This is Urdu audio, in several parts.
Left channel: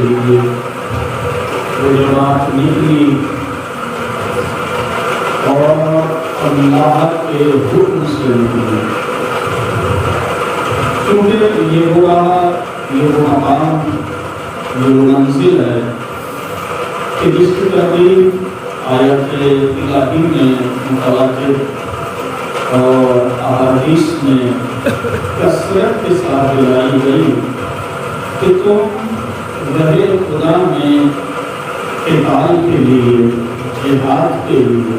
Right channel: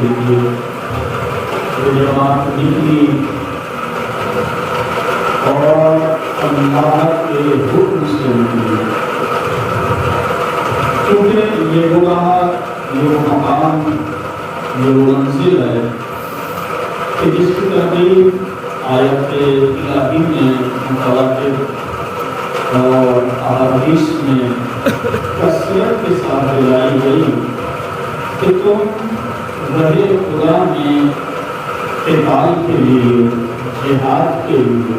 کے لیے وہ جماعت نکلی اور اللہ کے حکم سے نکلی، کیونکہ یہ وہ مقام، یہ وہ منزل ہے کہ جس کی ترتیب آیت الہی میں متواتر اور احادیث میں کثرت کے ساتھ لائی گئی کہ تم راہ خدا میں قتال کے لیے، جہاد کے لیے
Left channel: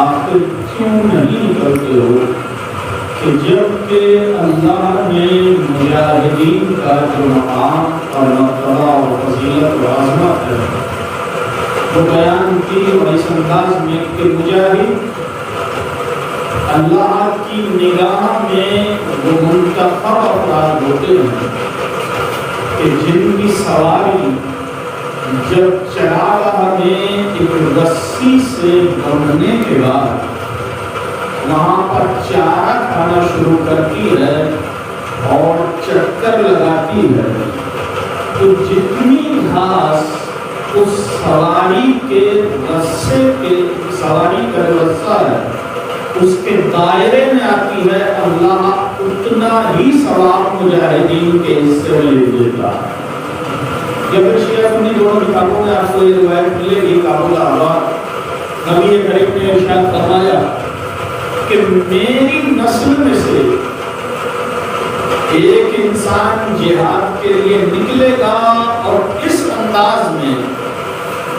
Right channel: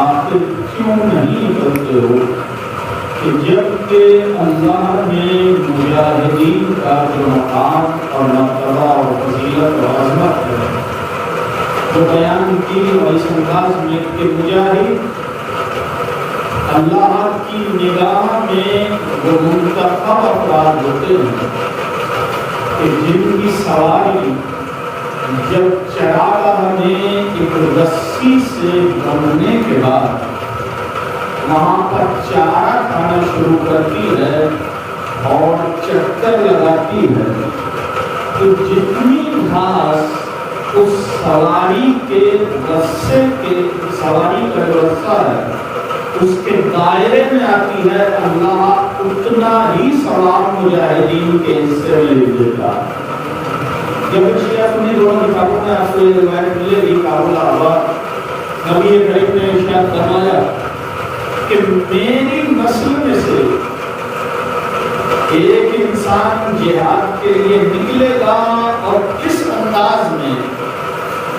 آخر کیوں نہیں نکلتے ہو کہ جب کہ اللہ نے مجاہدین کا جو مقام اور مرتبہ اور فضیلت و عظمت ہے وہ بیان کی اس انداز میں کہ مجاہد اللہ کی نگاہ میں وہ منتخب افراد ہوتے ہیں کہ جن کی سواری جب چراگاہ میں ایک رسی سے بندھنے کے بعد وہاں پر چارہ کھانا شروع کرتی ہے اور چکر لگاتی ہے، تو جتنی گھاس اس سواری کے رسے کے، سواری کا جو رسہ ہے اس کے دائرے میں آتی ہے، اللہ اتنا ہی ثواب مجاہدین کے حصے میں لے دیتا ہے۔ جب شیعہ سنی دونوں کتابوں میں آپ کو یہ روایت ملے گی، کابل آباد نبی کریم نے ارشاد فرمایا کہ میری نسل میں سے ایک انسان جہاد کے لیے نکلے گا اور اس انداز میں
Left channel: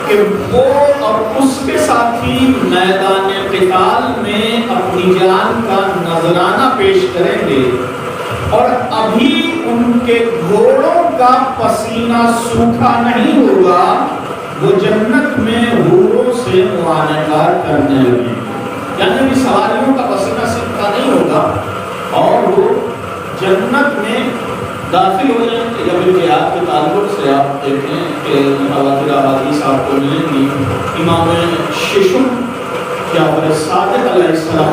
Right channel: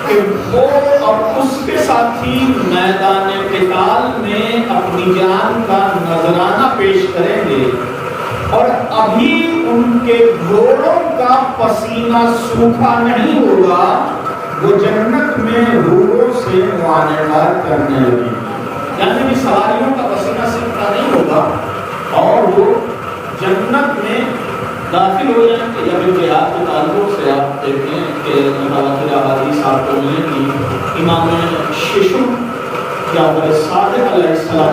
کہ وہ اور اس کے ساتھی میدان قتال میں اپنی جان کا نذرانہ پیش کریں گے اور ابھی ان کے گھوڑوں کا پسینہ سوکھا نہیں ہوگا، وہ جنت میں حوروں سے معانقات کرنے لگے، یعنی کہ سواریوں کا پسینہ سوکھا نہیں ہوگا اور وہ جنت میں داخل ہو جائیں گے۔ یا پھر جہاد کے تعلق سے آپ دیکھیں کہ متواتر احادیث آپ کو ملیں گی، امام ششم جعفر صادق علیہ السلام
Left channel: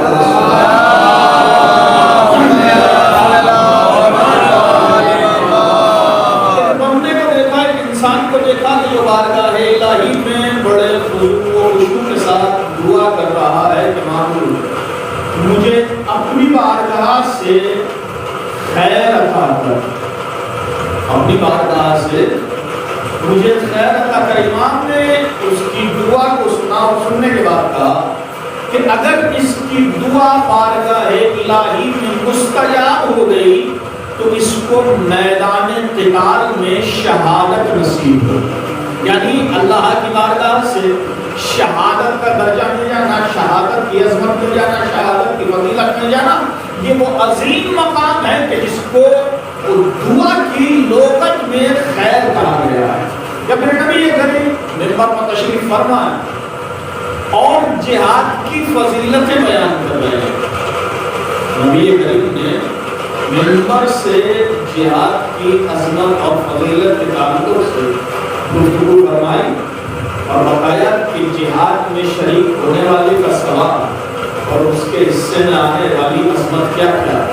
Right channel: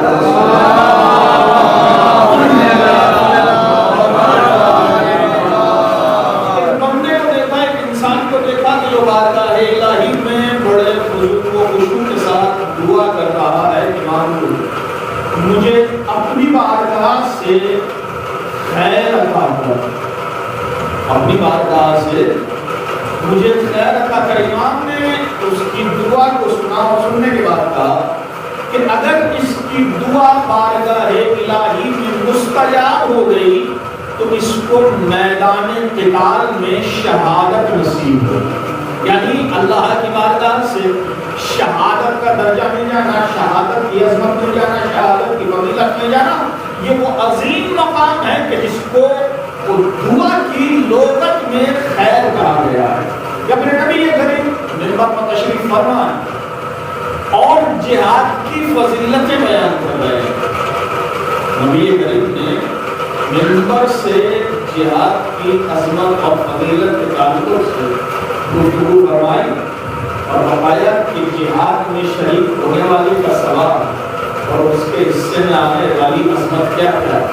بندے کو دیکھا، ایک انسان کو دیکھا کہ جو بارگاہ الہی میں بڑے خضوع و خشوع کے ساتھ دعا کر رہا ہے کہ معبود مجھے اپنی بارگاہ سے خیر عطا کر، اپنی بارگاہ سے مجھے خیر عطا کر۔ امام نے اس کی دعا کو سنا اور سننے کے بعد کہا کہ اگر اس کی دعا بارگاہ الہی میں مستجاب ہو گئی تو اس کو میدان قتال میں شہادت نصیب ہو، یعنی اللہ کی بارگاہ سے شہادت کا درجہ مل جانا، شہادت کی عظمت مل جانا، شہادت کی فضیلت مل جانا، یہ وہ عظیم مقام ہے کہ جس کو دعا کی لغت میں خیر کہا گیا ہے۔ یا پھر نبی کریم منبر پر تشریف فرما ہے اور جہاد کی فضیلتیں بیان کر رہے ہیں۔ نبی کریم نے منبر سے جہاد کی عظمت اور فضیلت کے تعلق سے گفتگو فرمائی اور بتایا کہ جہاد میں شریک ہونے والے کا ثواب اور اس کے حصے میں آنے والی عظمت کیا کیا ہے۔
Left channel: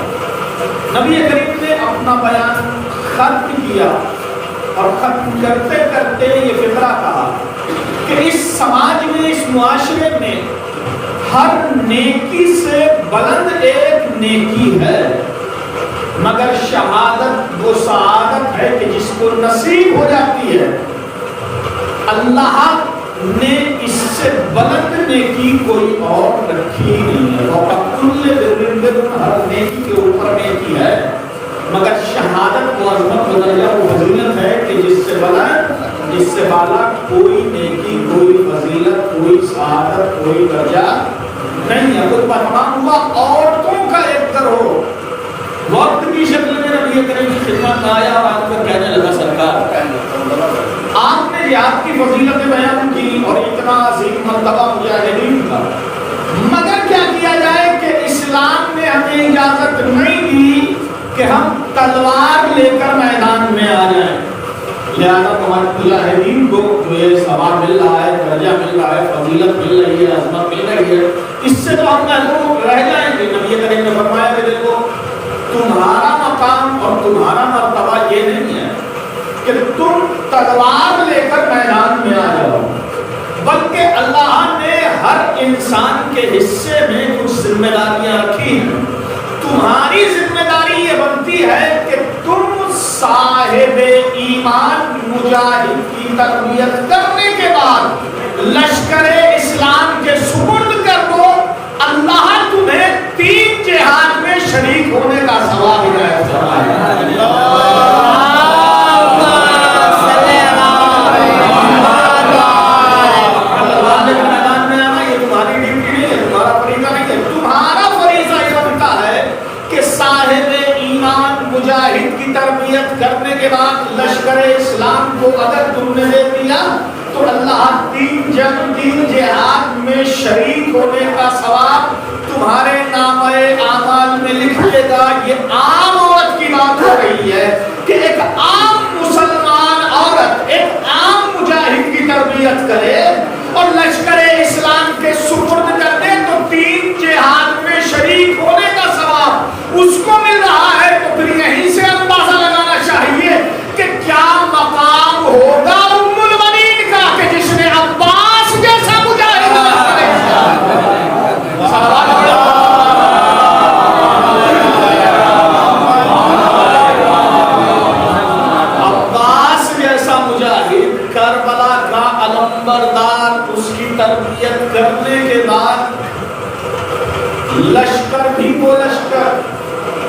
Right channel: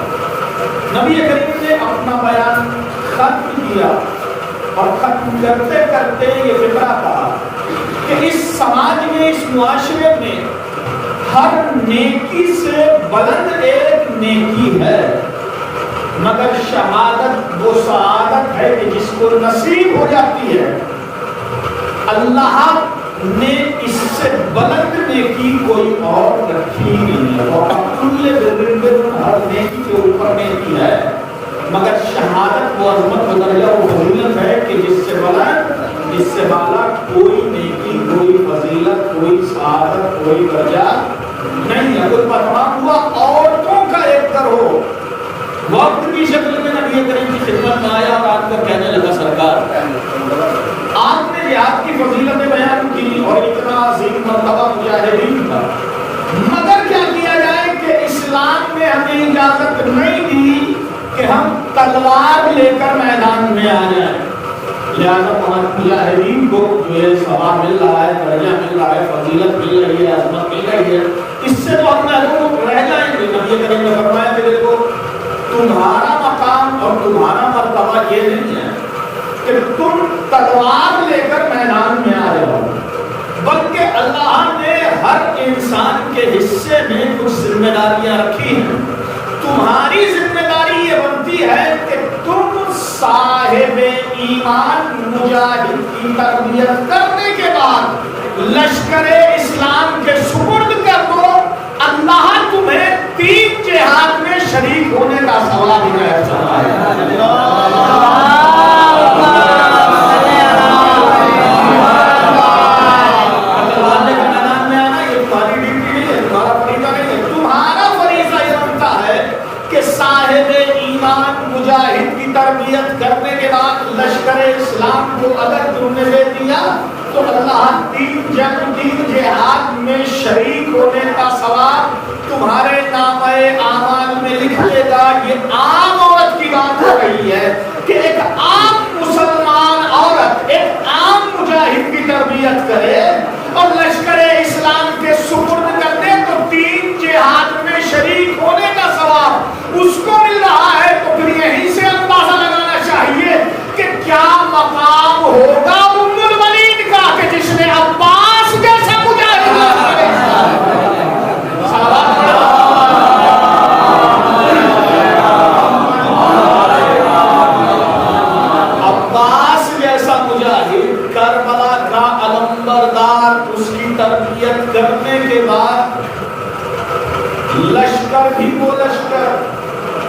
نبی کریم نے اپنا بیان ختم کیا اور ختم کرتے کرتے یہ فقرہ کہا کہ اس سماج میں، اس معاشرے میں ہر نیکی سے بلند ایک نیکی ہے، مگر شہادت وہ سعادت ہے کہ جس کو نصیب ہو جاتی ہے۔ اللہ نے اس سے بلند نیکی کوئی اور رکھی ہی نہیں ہے، اور ہر نیکی کے اوپر نیکی ہے، مگر شہادت وہ عظمت و درجہ وہ فضیلت ہے کہ جس سے بلند، جس سے بالا کوئی نیکی، کوئی فضیلت، کوئی سعادت، کوئی درجہ نہیں ہے۔ خود تمام ہوا عورتوں کا ایک در ہو، وقت کی شکل میں نبی کریم کی خدمت میں آیا اور آج کر کہنے لگا سرکار آپ نے جہاد کی فضیلتیں بیان کی اور اتنا عظیم مرتبہ مجاہدین کا، مگر کیا کیا جائے کہ اسلام نے ہمیں اجازت نہیں دی کہ ہم تلوار لے کر میدان میں آ جائیں، لہذا مجاہدین کو جو یہ ثواب مل رہا ہے، درجہ مل رہا ہے، فضیلت مل رہی ہے، عظمت مل رہی ہے، اس سے تو ہم محروم رہ جائیں گے۔ نبی کریم نے فرمایا کہ دیکھو تمہارا مقام اور تمہارا مرتبہ یہ نہیں ہے کہ تم تلوار لے کر میدان میں آ جاؤ، بلکہ اللہ نے ہر انسان کے حصے میں کچھ ذمہ داریاں رکھی ہیں۔ تمہاری ذمہ داری یہ بنتی ہے کہ تم صاحب ایمان مجاہد کی تربیت کرنے کے بعد لشکر اسلام کے سپرد کر دو، اللہ تمہیں 3 جہاد میں شریک ہونے کا ثواب عنایت فرمائے۔ تلوار لے کر میدان میں آنا یہ تمہاری ڈیوٹی نہیں ہے، تمہارا فریضہ نہیں ہے، تمہارا فریضہ یہ بنتا ہے کہ صاحب ایمان مجاہد کی تربیت کرنے کے بعد لشکر اسلام کو اگر تم نے دے دیا تو اللہ 3 جنگ 3 جہاد میں شریک ہونے کا ثواب تمہارے نامہ اعمال میں لکھ لے گا۔ یہ عام عورت کی بات ہو رہی ہے کہ ایک عام مسلمان عورت ایک عام مجاہد کی تربیت کرے اور لشکر اسلام کے سپرد کر دے تو 3 جہاد میں شریک ہونے کا ثواب اس کو مل رہا ہے۔ تو پھر یہیں سے اندازہ لگانا چاہیے کہ کیا مقام ہوگا ام المؤمنین کا کہ جس نے عباس جیسا مجاہد لشکر عباس جیسا مجاہد کربلا کا علمبردار اس کی تربیت کرنے کے بعد لشکر بھی وہ لشکر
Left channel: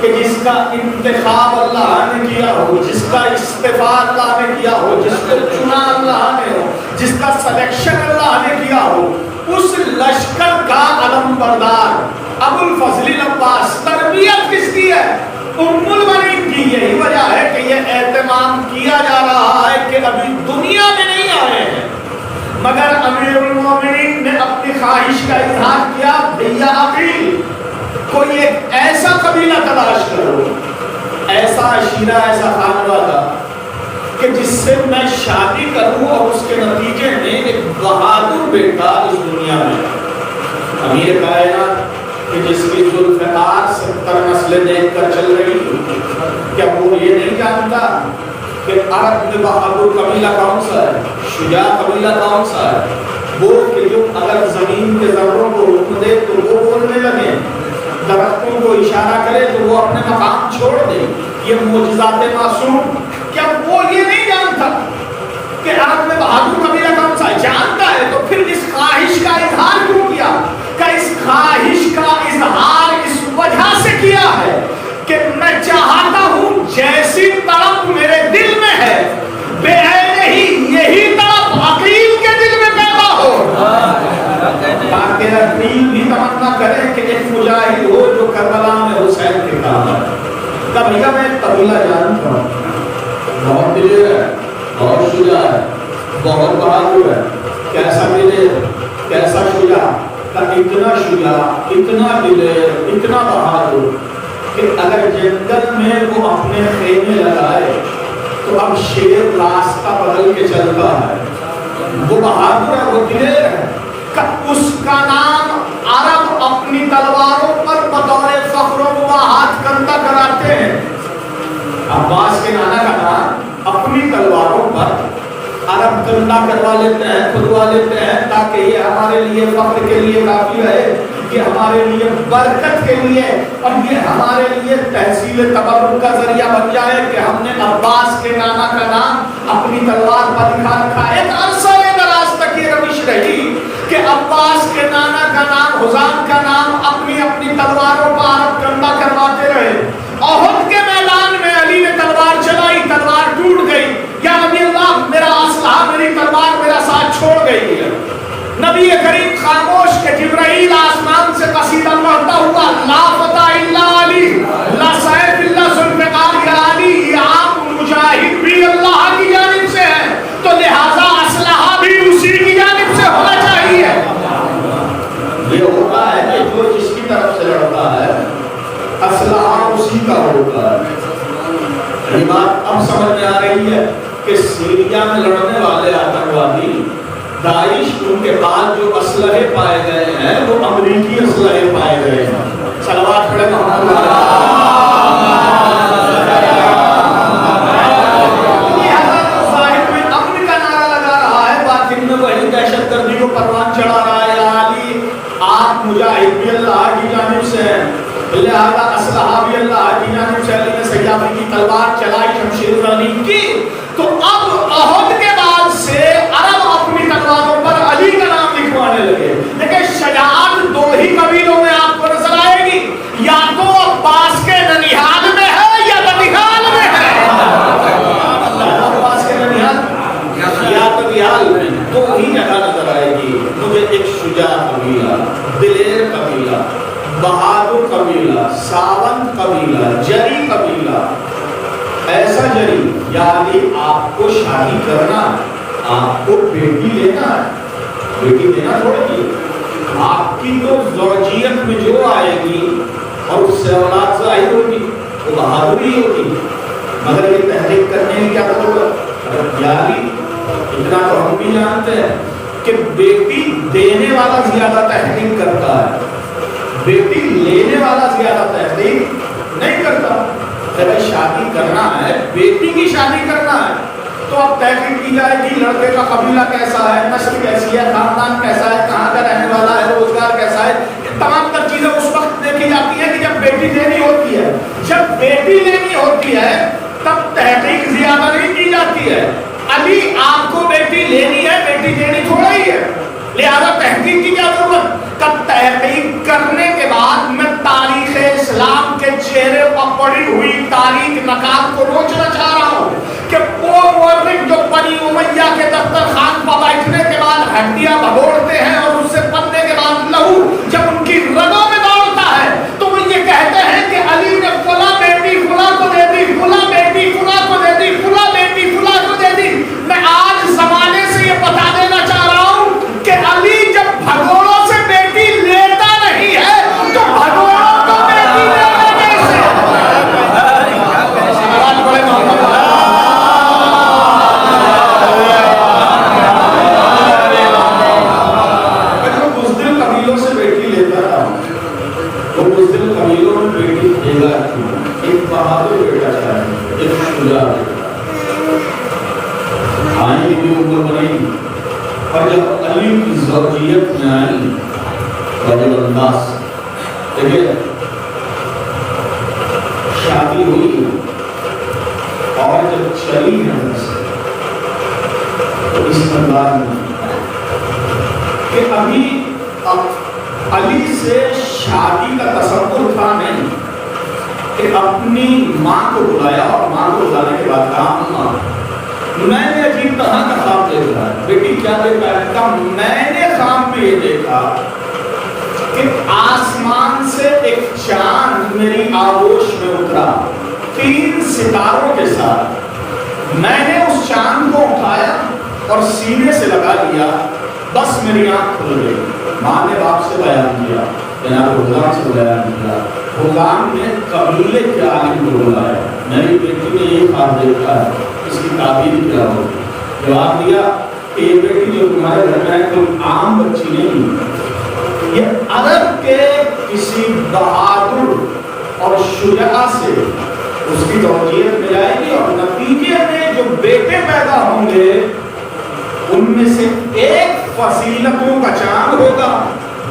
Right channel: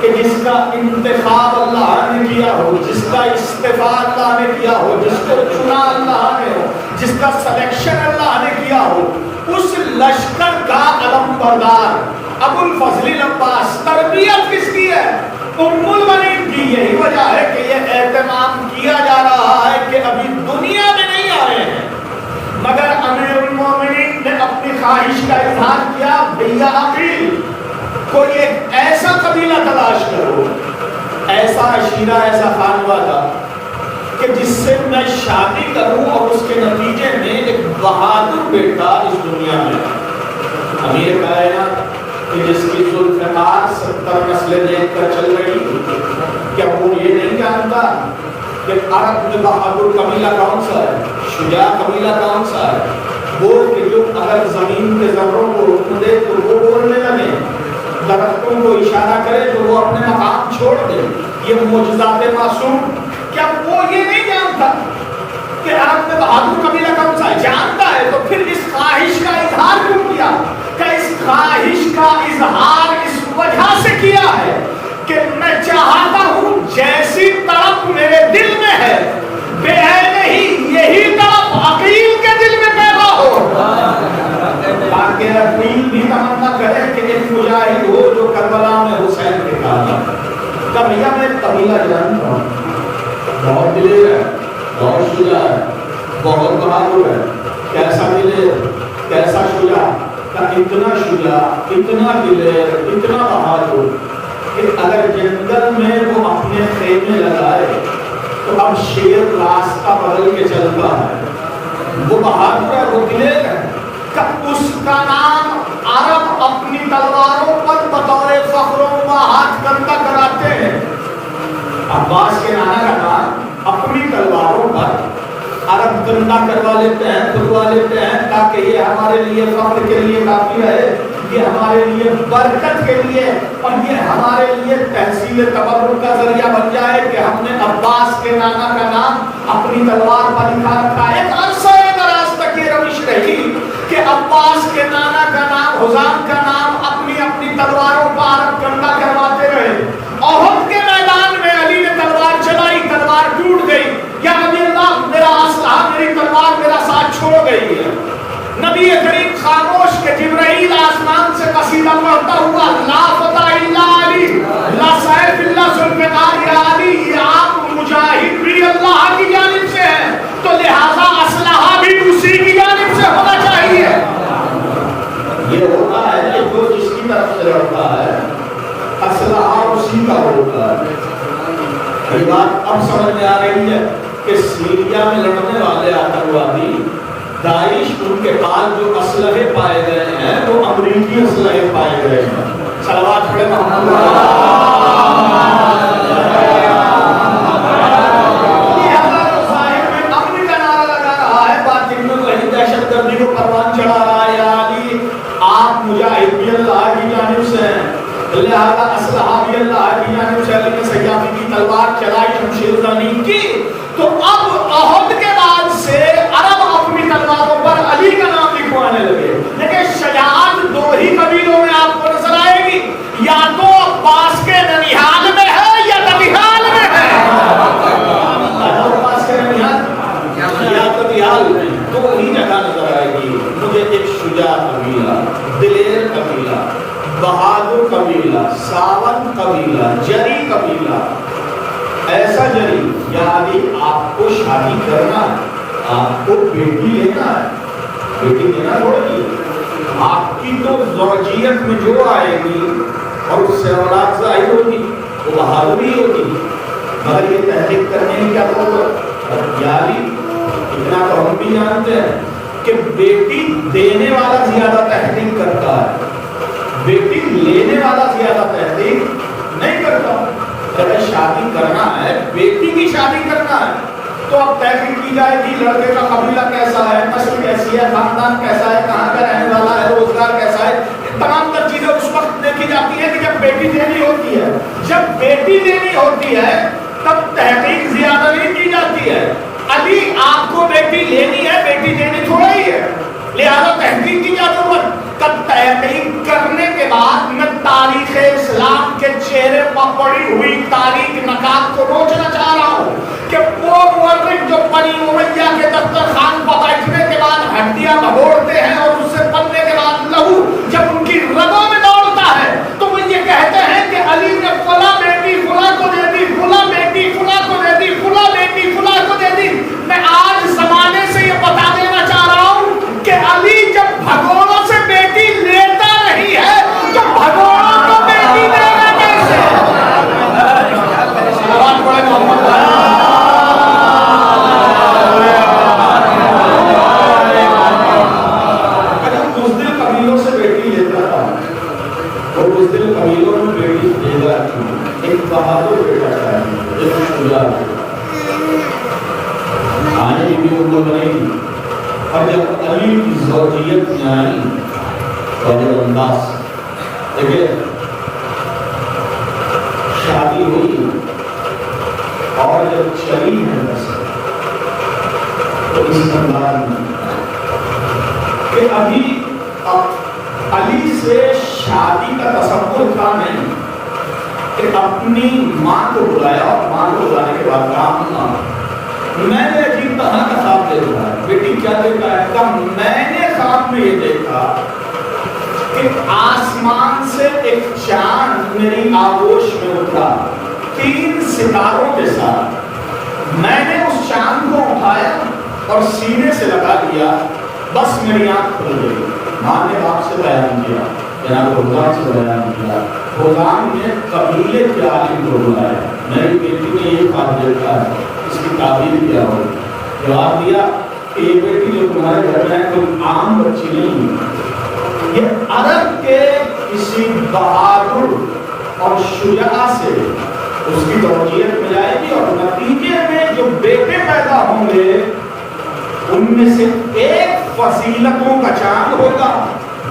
کہ جس کا انتخاب اللہ نے کیا ہو، جس کا استفاء اللہ نے کیا ہو، جس کو چنا اللہ نے ہو، جس کا سلیکشن اللہ نے کیا ہو، اس لشکر کا علمبردار ابو الفضل العباس تربیت کس کی ہے؟ ام المؤمنین کی۔ یہی وجہ ہے کہ یہ اہتمام کیا جا رہا ہے کہ ابھی دنیا میں نہیں آئے ہیں مگر امیر المومنین نے اپنی خواہش کا اظہار کیا، بھیا عقیل کوئی ایک ایسا قبیلہ تلاش کرو، ایسا عشیرہ، ایسا خانوادہ کہ جس سے میں شادی کروں اور اس کے نتیجے میں ایک بہادر بیٹا اس دنیا میں، امیر کائنات کہ جس کی ذوالفقار 70 نسلیں دیکھ کر چل رہی، کیا وہ یہ نہیں جانتا کہ عرب میں بہادر قبیلہ کون سا ہے، شجاع قبیلہ کون سا ہے؟ وہ کہ جو اگر زمین کے ذروں کو حکم دے تو وہ بولنے لگے، درختوں کو اشارہ کرے تو وہ اپنے مقام چھوڑ دے، یہ معجزات معصوم۔ کیا وہ یہ نہیں جانتا کہ عرب میں بہادر قبیلہ کون سا ہے؟ جانتا ہے، تو پھر اس خواہش کا اظہار کیوں کیا؟ کہ اس خواہش کا اظہار اس وجہ سے کیا ہے کہ میں چاہتا ہوں جیسی طرف میرے دل میں ہے بے عین ہی یہی طرف عقیل کے دل میں پیدا ہو، تاکہ عقیل بھی تمنا کرے کہ ایک مجاہد ہو جو کربلا میں حسین کے کام ہے۔ کہ بھیا میں قبیلہ جانتا ہوں، بہت دلیر ہے، بہت شجاع ہے، بہت بہادر ہے، کیسا دلیر، کیسا شجاع، کہ اتنا شجاع، اتنا دلیر، اتنا بہادر کہ اگر جنگل میں وہ اپنے خیمے لگائے تو اب شیر راستہ بدل کے چلتا ہے، وہ بہادر ہے، وہ دلیر ہے، کہ اس کا نام عرب اپنی تلواروں پر بطور فخر و مباحات کندہ کراتے ہیں۔ عباس کے نانا کا نام اپنی تلواروں پر عرب کندہ کروا لیتے ہیں، کھدوا لیتے ہیں، تاکہ یہ ہمارے لیے فخر کے لیے کافی ہے، یہ ہمارے لیے برکت کے لیے اور یہ ہمارے لیے تحصیل تبرک کا ذریعہ بن جائے کہ ہم نے عباس کے نانا کا نام اپنی تلوار پر لکھا رکھا ہے۔ ایک عرصہ دراز تک یہ روش رہی کہ عباس کے نانا کا نام، حزام کا نام اپنی اپنی تلواروں پر عرب کندہ کرواتے رہے۔ احد کے میدان میں علی نے تلوار چلائی، تلوار ٹوٹ گئی، یا نبی اللہ میرا اسلحہ، میری تلوار میرا ساتھ چھوڑ گئی ہے۔ نبی کریم خاموش کہ جبرائیل آسمان سے قصیدہ پڑھتا ہوا، لا فتح الا علی، لا سیف الا ذوالفقار، یا علی یہ آپ مجاہد بھی اللہ کی جانب سے ہے تو لہذا اسلحہ بھی اسی کی جانب سے ہونا چاہیے۔ یہ ہوتا ہے کہ جو جس کی طرف سے لڑتا ہے اسلحہ اسی کا ہوتا ہے۔ یہ بات اب سمجھ میں آ رہی ہے کہ سیریا میں لڑنے والے آتنکوادی داعش، ان کے پاس جو اسلحے پائے گئے ہیں وہ امریکی اسلحے پائے گئے ہیں۔ صلوات پڑھے محمد والا۔ لہذا اسلحہ بھی اللہ کی جانب سے علی نے سیافی کی تلوار چلائی، شمشیر زنی کی. تو اب احد کے بعد سے عرب اپنی تلواروں پر علی کا نام لکھوانے لگے. لیکن شجاعت دو ہی قبیلوں میں آپ کو نظر آئے گی، یا تو عباس کے ننیحال میں ہے یا ننیحال میں ہے. عباس کے ننیحال یا ننیحال میں دو ہی جگہ نظر آئے گی. مجھے ایک شجاع قبیلہ، دلیر قبیلہ، بہادر قبیلہ، ساون قبیلہ، جری قبیلہ، ایسا جری. یعنی آپ کو شادی کرنا، آپ کو بیٹی لینا ہے، بیٹی دینا تھوڑی، آپ کی تو زوجیت میں جو آئے گی اور اس سے اولاد ظاہر ہوگی وہ بہادری ہوگی. مگر یہ تحریک کرنے کی کیا ضرورت؟ یعنی اتنا تو ہم بھی جانتے ہیں کہ بیٹی دینے والا زیادہ تحریک کرتا ہے، بیٹی لینے والا زیادہ تحریک نہیں کرتا. جب شادی کرنا ہے، بیٹی کی شادی کرنا ہے، تو اب تحقیق کی جائے کہ لڑکے کا قبیلہ کیسا ہے، نسل کیسی ہے، خاندان کیسا ہے، کہاں کا رہنے والا ہے، روزگار کیسا ہے. یہ تمام تر چیزیں اس وقت دیکھی جاتی ہیں کہ جب بیٹی دینی ہوتی ہے. جب بیٹی دینی ہوتی ہے تب تحقیق زیادہ نہیں کی جاتی ہے. علی آپ کو بیٹی لینی ہے، بیٹی دینی تھوڑا ہی ہے، لہذا تحقیق کی کیا ضرورت؟ تب تحقیق کرنے کے بعد میں تاریخ اسلام کے چہرے پر پڑی ہوئی تاریخ نکات کو روچنا چاہ رہا ہوں کہ وہ مورخ جو بنی امیہ کے دسترخوان پر بیٹھنے کے بعد ہڈیاں بھگوڑتے ہیں اور اس سے پلنے کے بعد لہو جب ان کی رگوں میں دوڑتا ہے تو وہ یہ کہتے ہیں کہ علی نے فلاں بیٹی فلاں کو دے دی، فلاں بیٹی فلاں کو دے دی، فلاں بیٹی فلاں کو دے دی. میں آج زمانے سے یہ بتا دینا چاہ رہا ہوں کہ علی جب بھگوڑوں سے بیٹی لیتا نہیں ہے تو بھگوڑوں کو بیٹی لینا کیسے؟ آواز بڑے محمد بزدل قبیلوں سے بیٹی لیتا تھا، وہ بزدل قبیلوں میں بیٹی دے گا. ایک بہادر بیٹا چاہیے، ایک شجاع آئی بھی عمر بنی. اور جب علی کی زوجیت میں آئی وجب انداز دیکھیں، شادی ہوئی اور جب چلی ہے تو اس انداز میں کہ ابھی علی سے شادی کا تصور تھا نہیں کہ اپنی ماں کو بلایا اور ماں کو بلانے کے بعد کہا میں نے عجیب طرح کا خواب دیکھا ہے. بیٹی کیا دیکھا ہے؟ کہا میں نے خواب میں یہ دیکھا کہ آسمان سے ایک چاند میری آغوش میں اترا 3 ستاروں کے ساتھ. میں نے اس چاند کو اٹھایا اور سینے سے لگا لیا، بس میری آنکھ کھل گئی. ماں نے باپ سے بیان کیا، جناب حضام سے بیان کیا. حضام نے قبیلے کے عالم کو بلایا، میری بیٹی نے یہ خواب دیکھا ہے، اس کی تعبیر کیا ہو؟ جواب دیا کہ یہ بیٹی جو تمہارے گھر میں ہے کوئی عام بچی نہیں، یہ عرب کے کسی بہادر اور شجاع سے اس کی توجیہت میں جائے گی اور نتیجے میں جو بیٹے پیدا ہوں گے ان میں سے ایک فضیلتوں کا چاند ہوگا،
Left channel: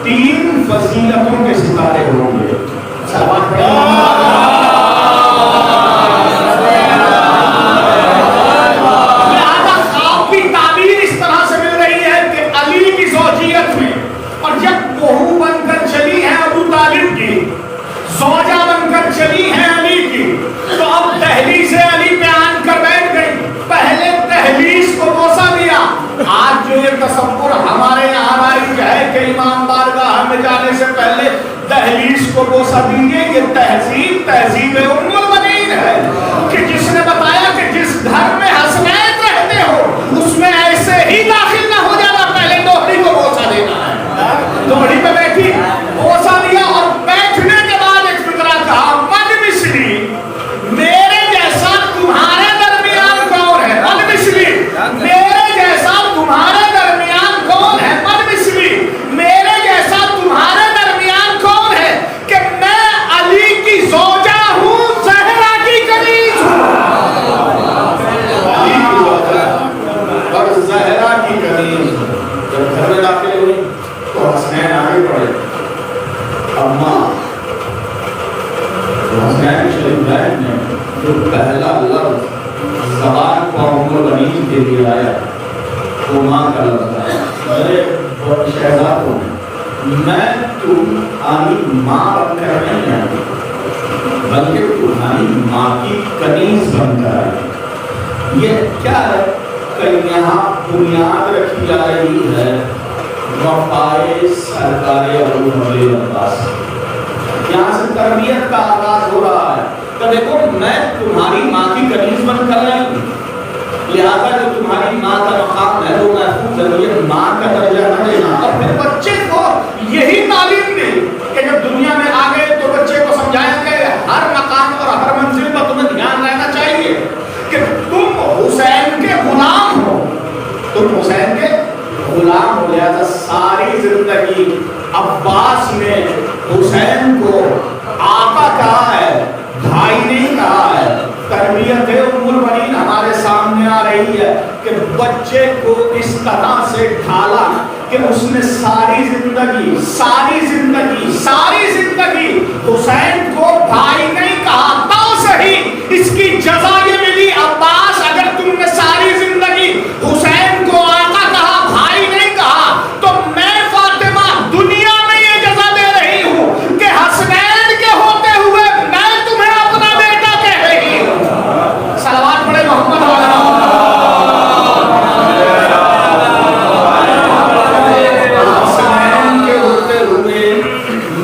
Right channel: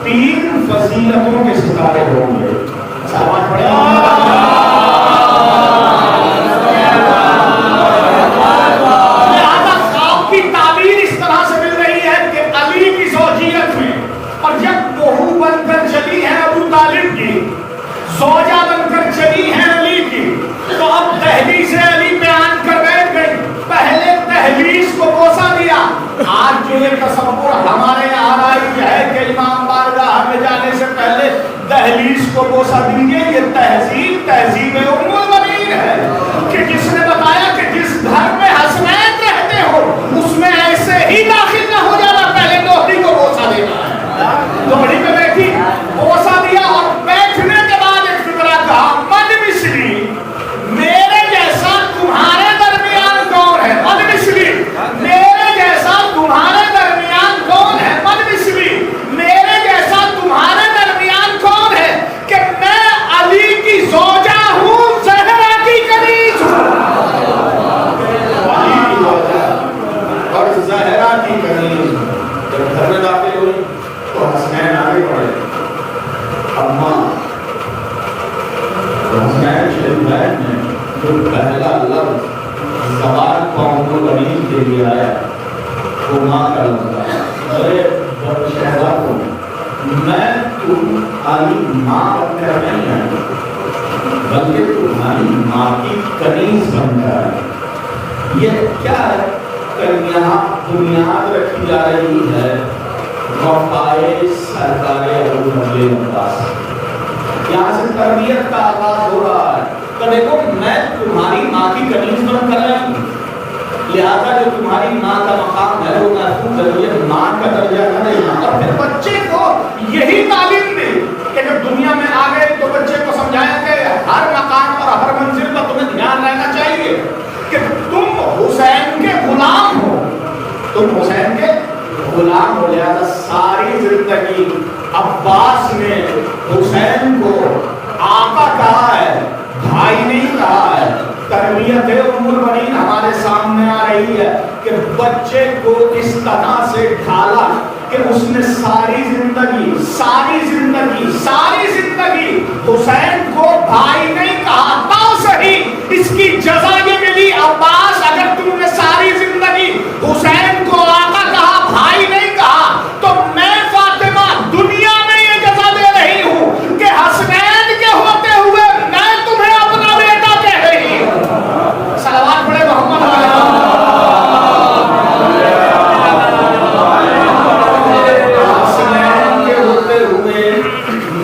3 فضیلتوں کے ستارے ہوں گے. سلامات پڑھیں. لہذا خواب کی تعبیر اس طرح سے مل رہی ہے کہ علی کی زوجیت میں، اور جب بہو بن کر چلی ہے ابو طالب کی، زوجہ بن کر چلی ہے علی کی، تو اب دہلیز سے علی پہ آن کر بیٹھ گئی. پہلے دہلیز کو بوسا دیا. آج جو یہ تصور ہمارے یہاں رائج ہے کہ امام بارگاہ میں جانے سے پہلے دہلیز کو بوسا دیجیے، یہ تہذیب ام المؤمنین ہے کہ جس نے بتایا کہ جس گھر میں حسنین رہتے ہو اس میں ایسے ہی داخل نہ ہو جانا، پہلے دوہری کو بوسا دینا ہے. دوہری پہ بیٹھی، بوسا دیا اور بیٹھنے کے بعد ایک فکرہ کہا من مثلی، میرے جیسا تمہارے درمیان کون ہے؟ من مثلی، میرے جیسا تمہارے درمیان کون ہے؟ من مثلی، میرے جیسا تمہارے درمیان کون ہے کہ میں علی کی زوجہ ہوں، زہرا کی کنیز ہوں. علی کی زوجہ اور زہرا کی کنیز. جب گھر میں داخل ہوئی تو حسنین آگے پڑے، اماں لیے آیا وہ ماں کا لفظ آیا. ارے شہزادوں میں تمہاری ماں بن کر نہیں آیا بلکہ تمہاری ماں کی کنیز بن کر آیا. یہ کیا ہے کہ یہاں بنیاد رکھی جا رہی ہے وفائے سرکار ابوالفضل عباس. یہاں سے تربیت کا آغاز ہو رہا ہے کہ دیکھو میں تمہاری ماں کی کنیز بن کر نہیں ہوں, لہذا جو تمہاری ماں کا مقام ہے وہ محفوظ ہے, یہ ماں کا درجہ نہ دینا. اور پھر بچے کو یہی تعلیم دی کہ جب دنیا میں آ گئے تو بچے کو سمجھایا کہ ہر مقام اور ہر منزل پر تمہیں دھیان رہنا چاہیے کہ تم حسین کے غلام ہو, تم حسین کے غلام ہو. لہذا ساری زندگی عباس نے حسین کو آقا کہا ہے, بھائی نہیں کہا ہے. تربیت ام البنین ہمارے سامنے آ رہی ہے کہ بچے کو اس طرح سے ڈھالا کہ اس نے ساری زندگی حسین کو بھائی نہیں کہا. تو صحیح اس کی جزا یہ ملی عباس, اگر تم نے ساری زندگی حسین کو آقا کہا بھائی نہیں کہا تو میں فاطمہ دنیا میں یہ جزا دے رہی ہوں کہ حسنین کے ہوتے ہوئے میں تمہیں اپنا بیٹا کہہ رہی ہوں. صلوات پڑھے محمد علیہ. حسنین کے ہوتے ہوئے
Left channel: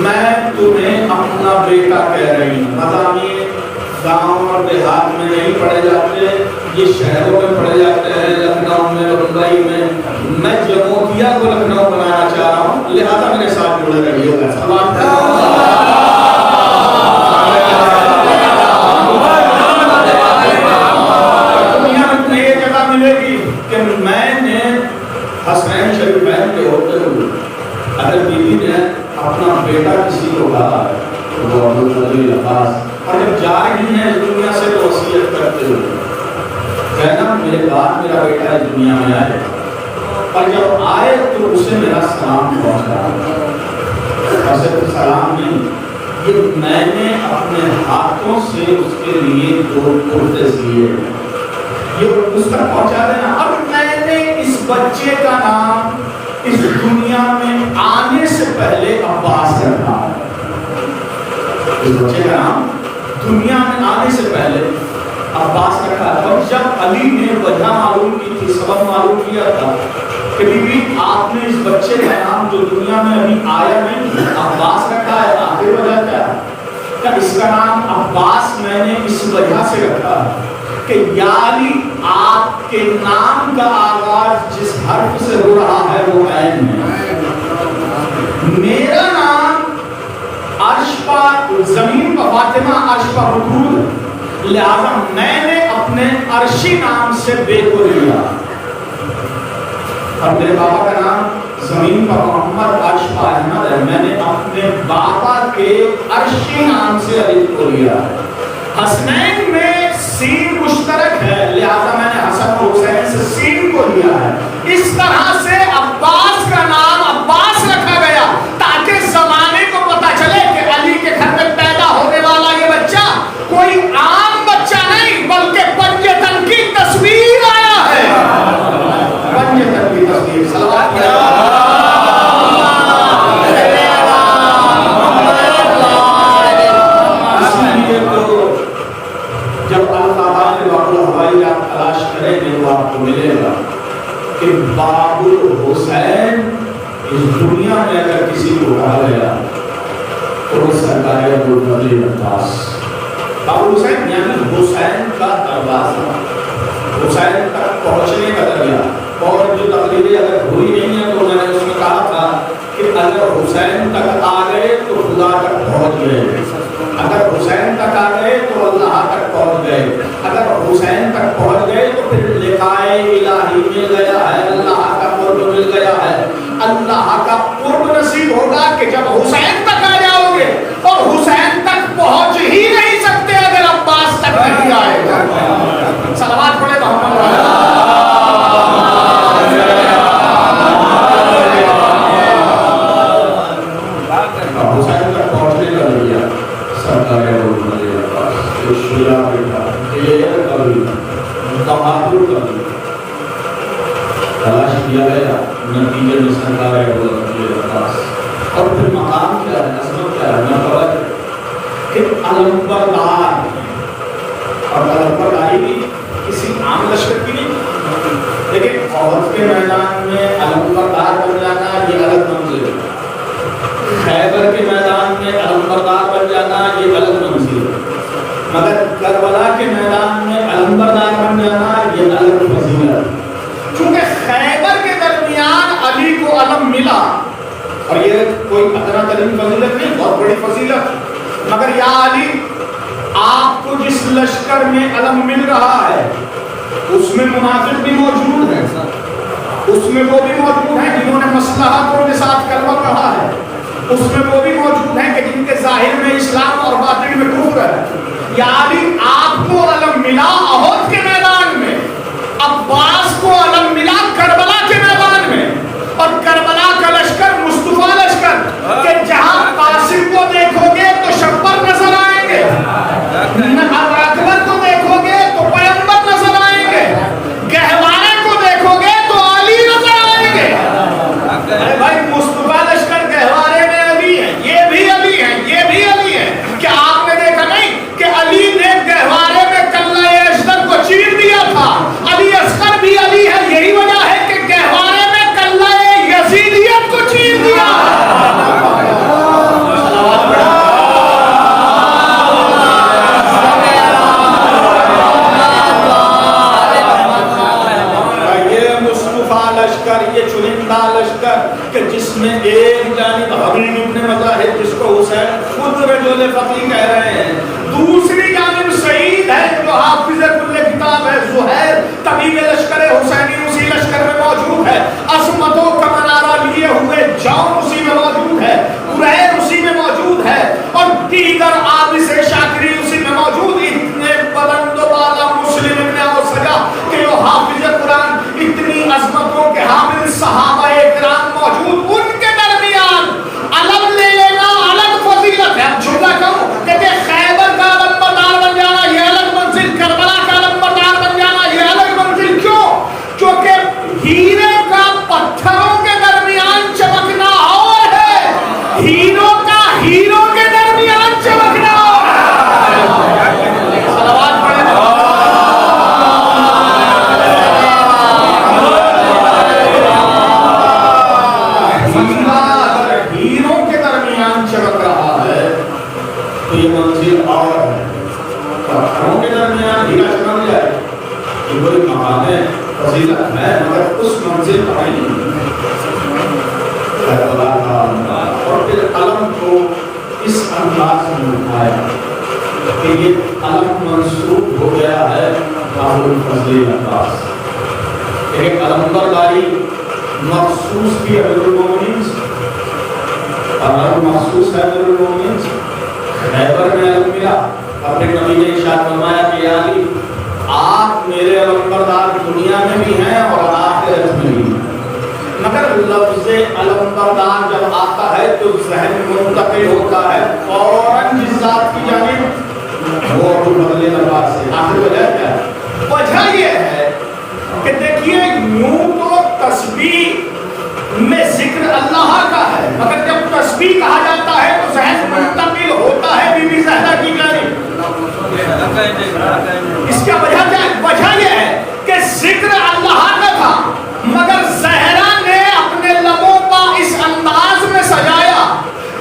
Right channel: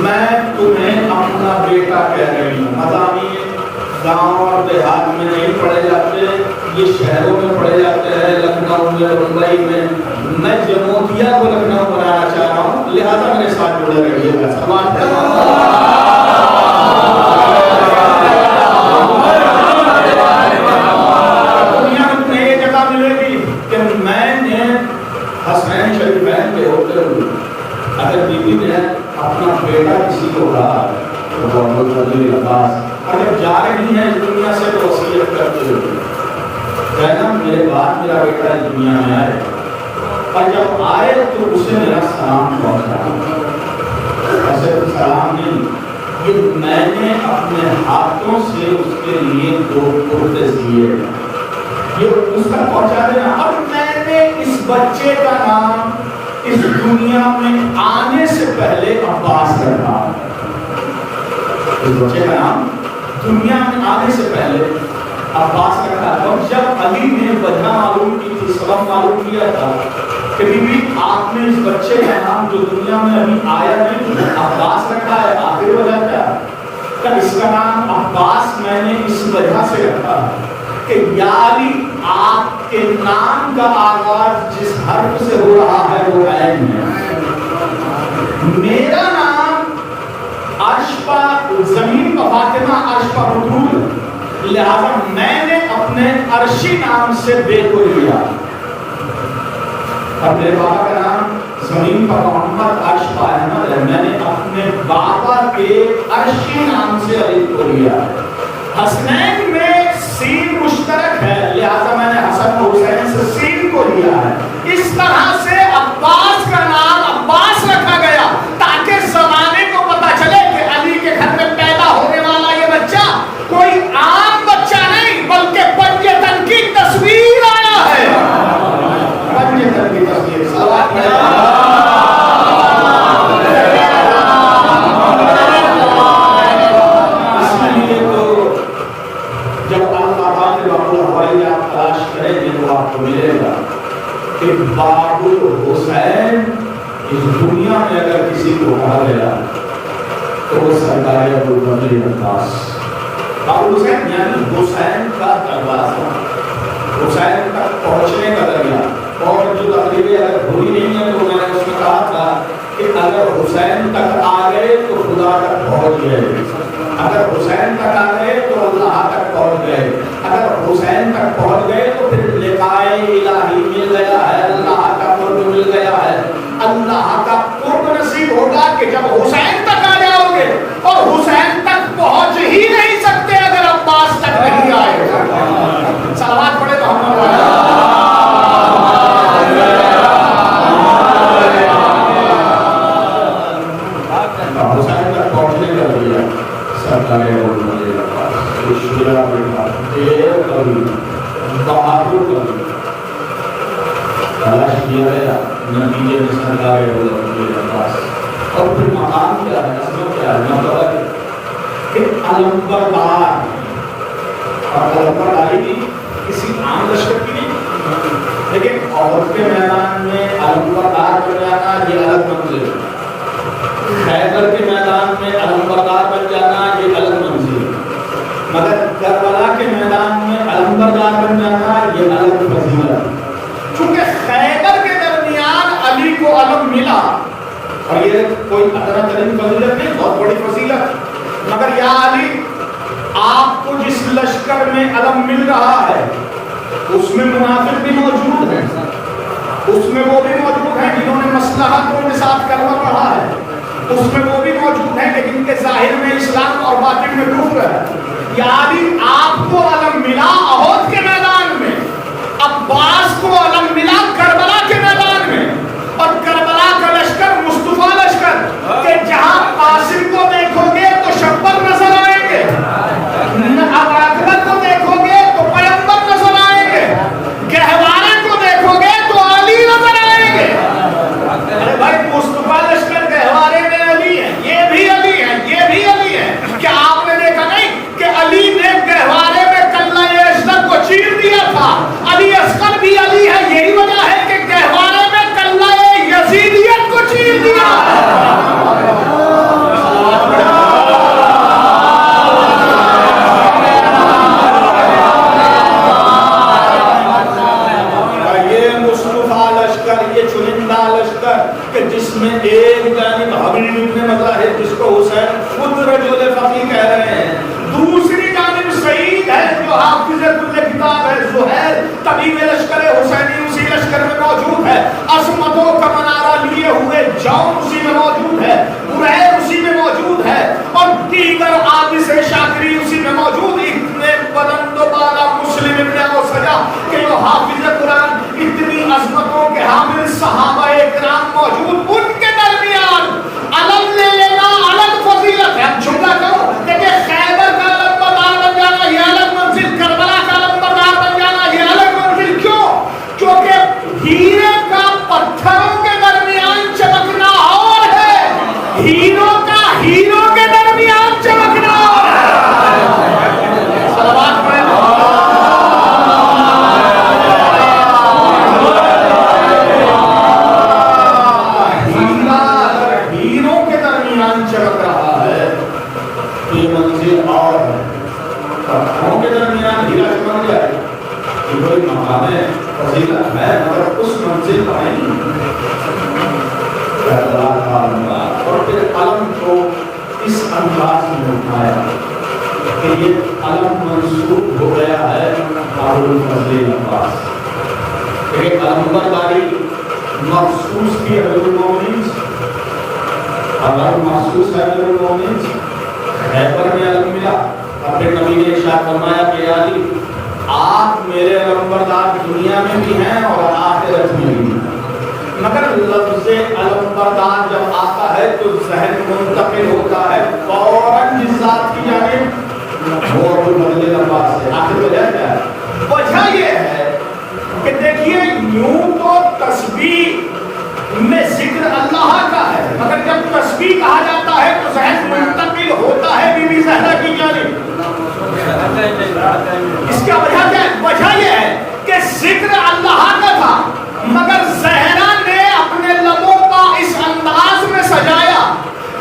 میں تمہیں اپنا بیٹا کہہ رہی ہوں. مضامین گاؤں اور دیہات میں نہیں پڑھے جاتے, یہ شہروں میں پڑھے جاتے ہیں, لکھنؤ میں, ممبئی میں. میں جموتیا کو لکھنؤ بنانا چاہ رہا ہوں, لہذا میرے ساتھ جڑے رہیے گا. دنیا میں تمہیں یہ جگہ ملے گی کہ میں نے حسنین شریفین کے ہوتے ہوئے اگر بیوی نے اپنا بیٹا کسی کو کہا تو وہ ابوالفضل عباس, اور جب جا رہی ہیں اس دنیا سے تو وصیت کرتے ہوئے کہنا میرے بعد میرا بیٹا اس دنیا میں آئے, اور جب آئے تو اسے میرا سلام پہنچایا. ایسے سلام نہیں, یہ میں نے اپنے ہاتھوں سے اس کے لیے 2 کرتے سیے, یہ اس تک پہنچا دینا. اور میں نے اس بچے کا نام اس دنیا میں آنے سے پہلے عباس رکھا. اس بچے کا نام دنیا میں آنے سے پہلے عباس رکھا. اور جب علی نے وجہ معلوم کی تھی, سبب معلوم کیا تھا کہ بی بی آپ نے اس بچے کا نام جو دنیا میں ابھی آیا نہیں عباس رکھا ہے, آخر وجہ کیا ہے کہ اس کا نام عباس میں نے اس وجہ سے رکھا کہ یا علی آپ کے نام کا آغاز جس حرف سے ہو رہا ہے وہ عین ہے. میرا نام عرش پر زمین پر فاطمہ عرش پر بطول, لہذا میں نے اپنے عرشی نام سے بے کو لیا, اور میرے بابا کا نام زمین پر محمد عرش پر احمد ہے, میں نے اپنے بابا کے عرشی نام سے علی کو لیا. حسنین میں سین مشترک ہے, لہذا میں نے حسن حسین سے سین کو لیا ہے. اس طرح سے عباس کا نام عباس رکھا گیا تاکہ زمانے کو پتا چلے کہ علی کے گھر میں پیدا ہونے والا یہ بچہ کوئی عام بچہ نہیں بلکہ پنجتن کی تصویر آیا ہے. پنجتن کی تصویر. صلوات پڑھے. جب اللہ تعالیٰ نے باب الحوائیات تلاش کریں گے تو آپ کو ملے گا کہ باب الحسین اس دنیا میں اگر کسی کو کہا گیا تو وہ سرکار ابوالفضل عباس. باب الحسین یعنی حسین کا دروازہ, حسین تک پہنچنے کا ذریعہ. اور جو تقریریں اگر بھولی نہیں ہیں تو میں نے اس میں کہا تھا کہ اگر حسین تک آ گئے تو خدا تک پہنچ گئے, اگر حسین تک آ گئے تو اللہ تک پہنچ گئے, اگر حسین تک پہنچ گئے تو پھر لقائے الہی مل گیا ہے, اللہ کا قرب مل گیا ہے. اللہ کا قرب نصیب ہوگا کہ جب حسین تک آ جاؤ گے, اور حسین تک پہنچ ہی نہیں سکتے اگر عباس تک نہیں آئے. صلوات پڑھے محمد والا. حسین تک پہنچنے کا ذریعہ سرکار ابوالفضل عباس, شجاع بیٹا, دیر کبھی, بہادر کبھی, دیا گیا، نتیجے میں سرکار عباس۔ اور پھر مقام کیا ہے، عظمت کیا ہے، مرتبہ کہ علمبردار، اور علمبرداری بھی کسی عام لشکر کی نہیں، لیکن عہد کے میدان میں علمبردار بن جانا یہ الگ منزل ہے، خیبر کے میدان میں علمبردار بن جانا یہ الگ منزل ہے، مگر کربلا کے میدان میں علمبردار بن جانا یہ الگ فضیلت ہے۔ چونکہ خیبر کے درمیان علی کو علم ملا، اور یہ کوئی ادنا ترین فضیلت نہیں، بہت بڑی فضیلت، مگر یا علی آپ کو جس لشکر میں علم مل رہا ہے اس میں منافق بھی موجود ہیں، اس میں وہ بھی موجود ہیں جنہوں نے مصلحتوں کے ساتھ کلمہ پڑھا ہے، اس میں وہ بھی موجود ہیں کہ جن کے ظاہر میں اسلام اور باطن میں کفر ہے۔ یا علی آپ کو علم ملا احد کے میدان میں، عباس کو علم ملا کربلا کے میدان میں، اور کربلا کا لشکر مصطفیٰ لشکر کہ جہاں قاسم کو دیکھو گے تو شبر نظر آئیں گے، اکبر کو دیکھو گے تو پیغمبر نظر آئیں گے، گہوارے کو دیکھو گے تو علی نظر آئیں گے۔ ارے بھائی مصطفیٰ لشکر گہوارے میں علی ہے، یہ بھی علی ہے، یہ بھی علی ہے، کیا آپ نے دیکھا نہیں کہ علی نے گہوارے میں کلہ اشتر کو چیر دیا تھا؟ علی اصغر بھی علی ہے، یہی وجہ ہے کہ گہوارے میں کلہ یزیدیت کو چیر دیا۔ یہ چنندہ لشکر کہ جس میں ایک جانب حبیب ابن مظاہر جس کو حسین خود رجل فقی کہہ رہے ہیں، دوسری جانب سعید ہے جو حافظ کل کتاب ہے، زہیر طبیب لشکر حسینی اسی لشکر میں موجود ہے، عظمتوں کا منارہ لیے ہوئے جون اسی میں موجود ہے، قریر اسی میں موجود ہے، اور دیگر عابس شاکری اسی میں موجود، اتنے بلند و بالا مسلم ابن اوسجا کہ جو حافظ قرآن، اتنی عظمتوں کے حامل صحابہ اکرام موجود، ان کے درمیان علم لے لینا الگ فضیلت ہے۔ اب جملہ کہوں کہ خیبر کا علم بردار بن جانا یہ الگ منزل، کربلا کا علم بردار بن جانا یہ الگ منزل، کیوں؟ کیونکہ ہیرے کا پتھروں کے درمیان چمکنا اور ہے، ہیروں کا ہیروں کے درمیان چمکنا اور ہے۔ صلوات پڑھیں۔ چمک رہا ہے تو یہ منزل اور ہے، پتھروں کے درمیان ہیرا چمک جائے تو کوئی مقام فضیلت ہے، مگر اس منزل پر نہیں۔ اور پھر علم کو اس انداز میں اٹھایا کہ یہ علم منسوب ہو گیا ہے ابو الفضل عباس، ایک علمبرداری مخصوص بھی امیر المومنین اور مخصوص ہے امیر المومنین سے۔ خیبر میں علم ملا، اور پھر نبی نے ارشاد فرمایا کہ یا علی آپ میرے علمبردار دنیا میں بھی ہیں اور آخرت میں بھی ہیں، مگر لفظ علمبردار جب آتا ہے تو ذہن منتقل ہوتا ہے فوراً جس ذات کی جانب، وہ ابو الفضل عباس سے۔ آخر وجہ کیا ہے؟ وجہ یہ ہے کہ دیکھیے یوں تو تسبیح میں ذکر اللہ کا ہے، مگر جب تسبیح کہا جاتا ہے تو ذہن منتقل ہوتا ہے بی بی زہرا کی جانب۔ اس کا وجہ کیا ہے؟ وجہ یہ ہے کہ ذکر اللہ کا تھا، مگر زہرا نے اپنے لبوں کا اس انداز میں سجایا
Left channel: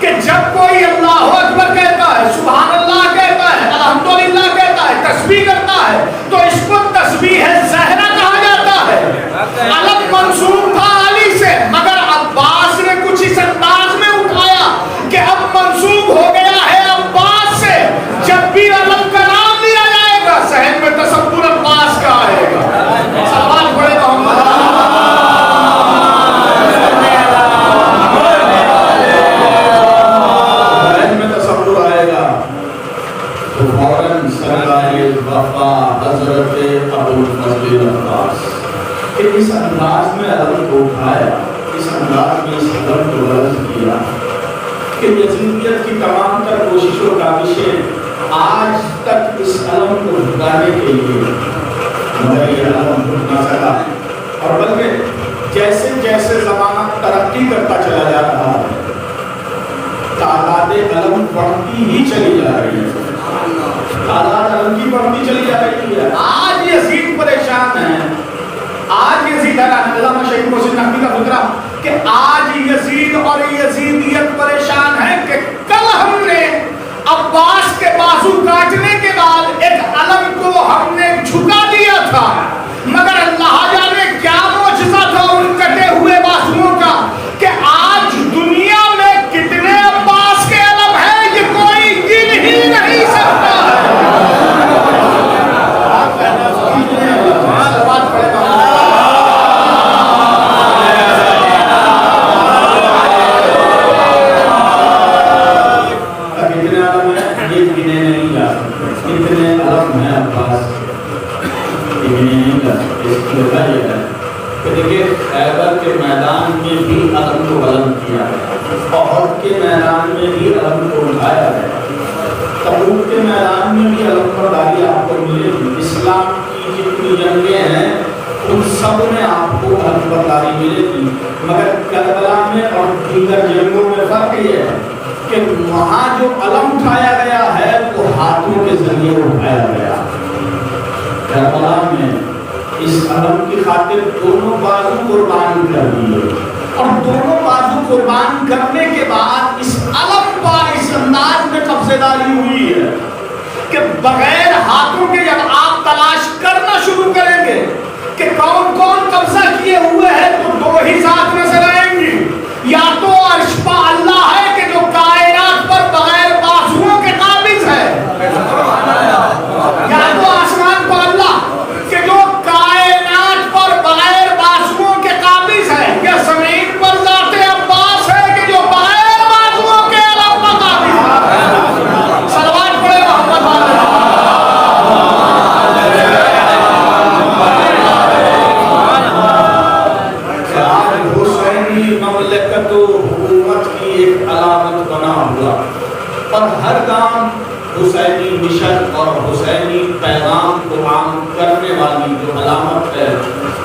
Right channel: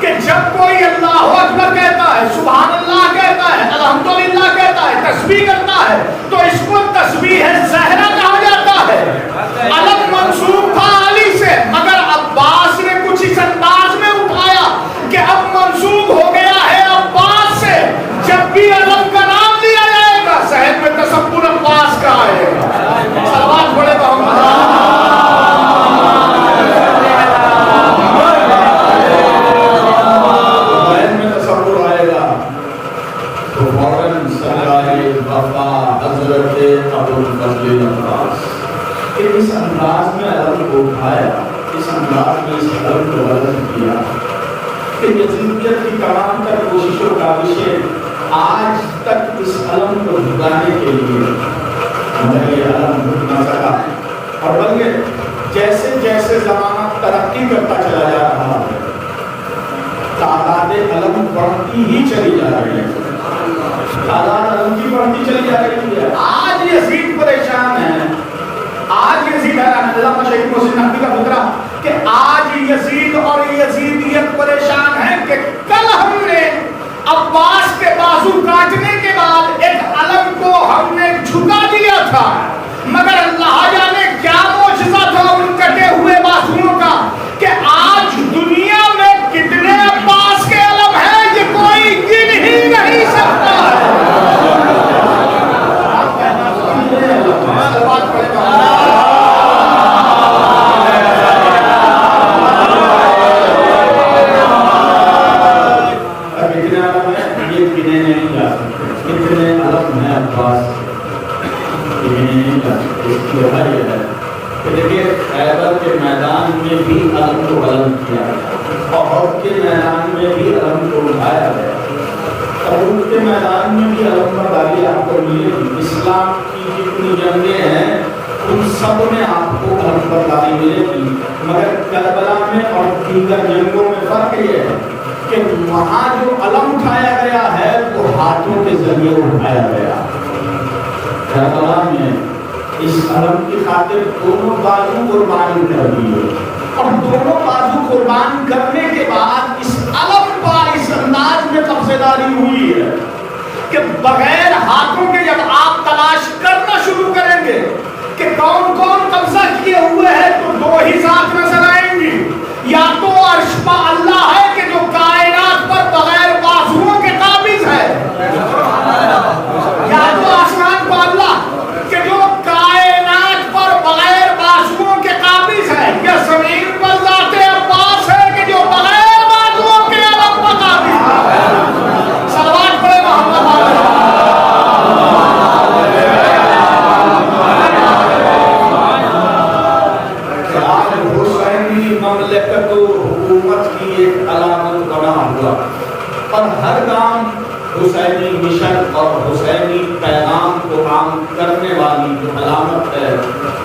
کہ جب کوئی اللہ اکبر کہتا ہے، سبحان اللہ کہتا ہے، الحمدللہ کہتا ہے، تسبیح کرتا ہے، تو اس کو تسبیح زہرا کہا جاتا ہے۔ علم منسوب تھا علی سے، مگر عباس نے کچھ اس انداز میں اٹھایا کہ اب منسوب ہو گیا ہے عباس سے، جب بھی علم کا نام لیا جائے گا ذہن میں تصور عباس کا آئے گا۔ صلوات پڑھے محمد۔ ذہن میں تصور آئے گا تو فوراً سرکار وفا حضرت ابو الفضل عباس کہ اس انداز میں علم کو اٹھایا، اس انداز میں اس علم کو بلند کیا کہ یزیدیت کی تمام تر کوششوں کا کاوشیں آج تک اس علم کو جھکانے کے لیے، مگر یہ علم جھک نہ سکا، اور بلکہ جیسے جیسے زمانہ ترقی کرتا چلا جا رہا ہے تعداد علم بڑھتی ہی چلی جا رہی ہے، تعداد علم کی بڑھتی چلی جا رہی ہے۔ آج یزید پریشان ہے، آج یزید علامہ شہید محسن نقوی کا فکرہ کہ آج یزید اور یزیدیت پریشان ہے کہ کل ہم نے عباس کے بازو کاٹنے کے بعد ایک علم کو ہم نے جھکا دیا تھا، مگر اللہ جانے کیا معجزہ تھا ان کٹے ہوئے بازوؤں کا کہ آج دنیا میں کتنے عباس کے علم ہیں یہ کوئی گن ہی نہیں سکتا ہے۔ دیکھیے خیبر کے میدان میں بھی علم کو بلند کیا گیا، احد کے میدان میں بھی علم کو اٹھایا گیا، تبوک کے میدان میں بھی علم برداری آپ کو ملے گی۔ اسلام کی جتنی جنگیں ہیں ان سب میں آپ کو علم برداری ملے گی، مگر کربلا میں اور دیگر جنگوں میں فرق یہ ہے کہ وہاں جو علم اٹھایا گیا ہے وہ ہاتھوں کے ذریعے اٹھایا گیا۔ کربلا میں اس علم کی خاطر دونوں بازو قربان کر دیے، اور دونوں بازو قربان کرنے کے بعد اس علم پر اس انداز میں قبضے داری ہوئی ہے کہ بغیر ہاتھوں کے جب آپ تلاش کرنا شروع کریں گے کہ کون کون قبضہ کیے ہوئے ہیں تو دو ہی ذات نظر آئیں گی، یا تو عرش پا اللہ ہے کہ جو کائنات پر بغیر بازوؤں کے قابض ہے، یا تو آسمان پا اللہ کہ جو کائنات پر بغیر بازوؤں کے قابض ہے، یا زمین پر ذات عباس ہے کہ جو بغیر بازوؤں کے علم پر قابض ہے۔ صلوات پڑھے محمد علیہ۔ آج حسینی مملکت و حکومت کی ایک علامت بنا ہوا، اور ہر کام حسینی مشن اور حسینی پیغام کو عام کرنے والی جو علامت ہے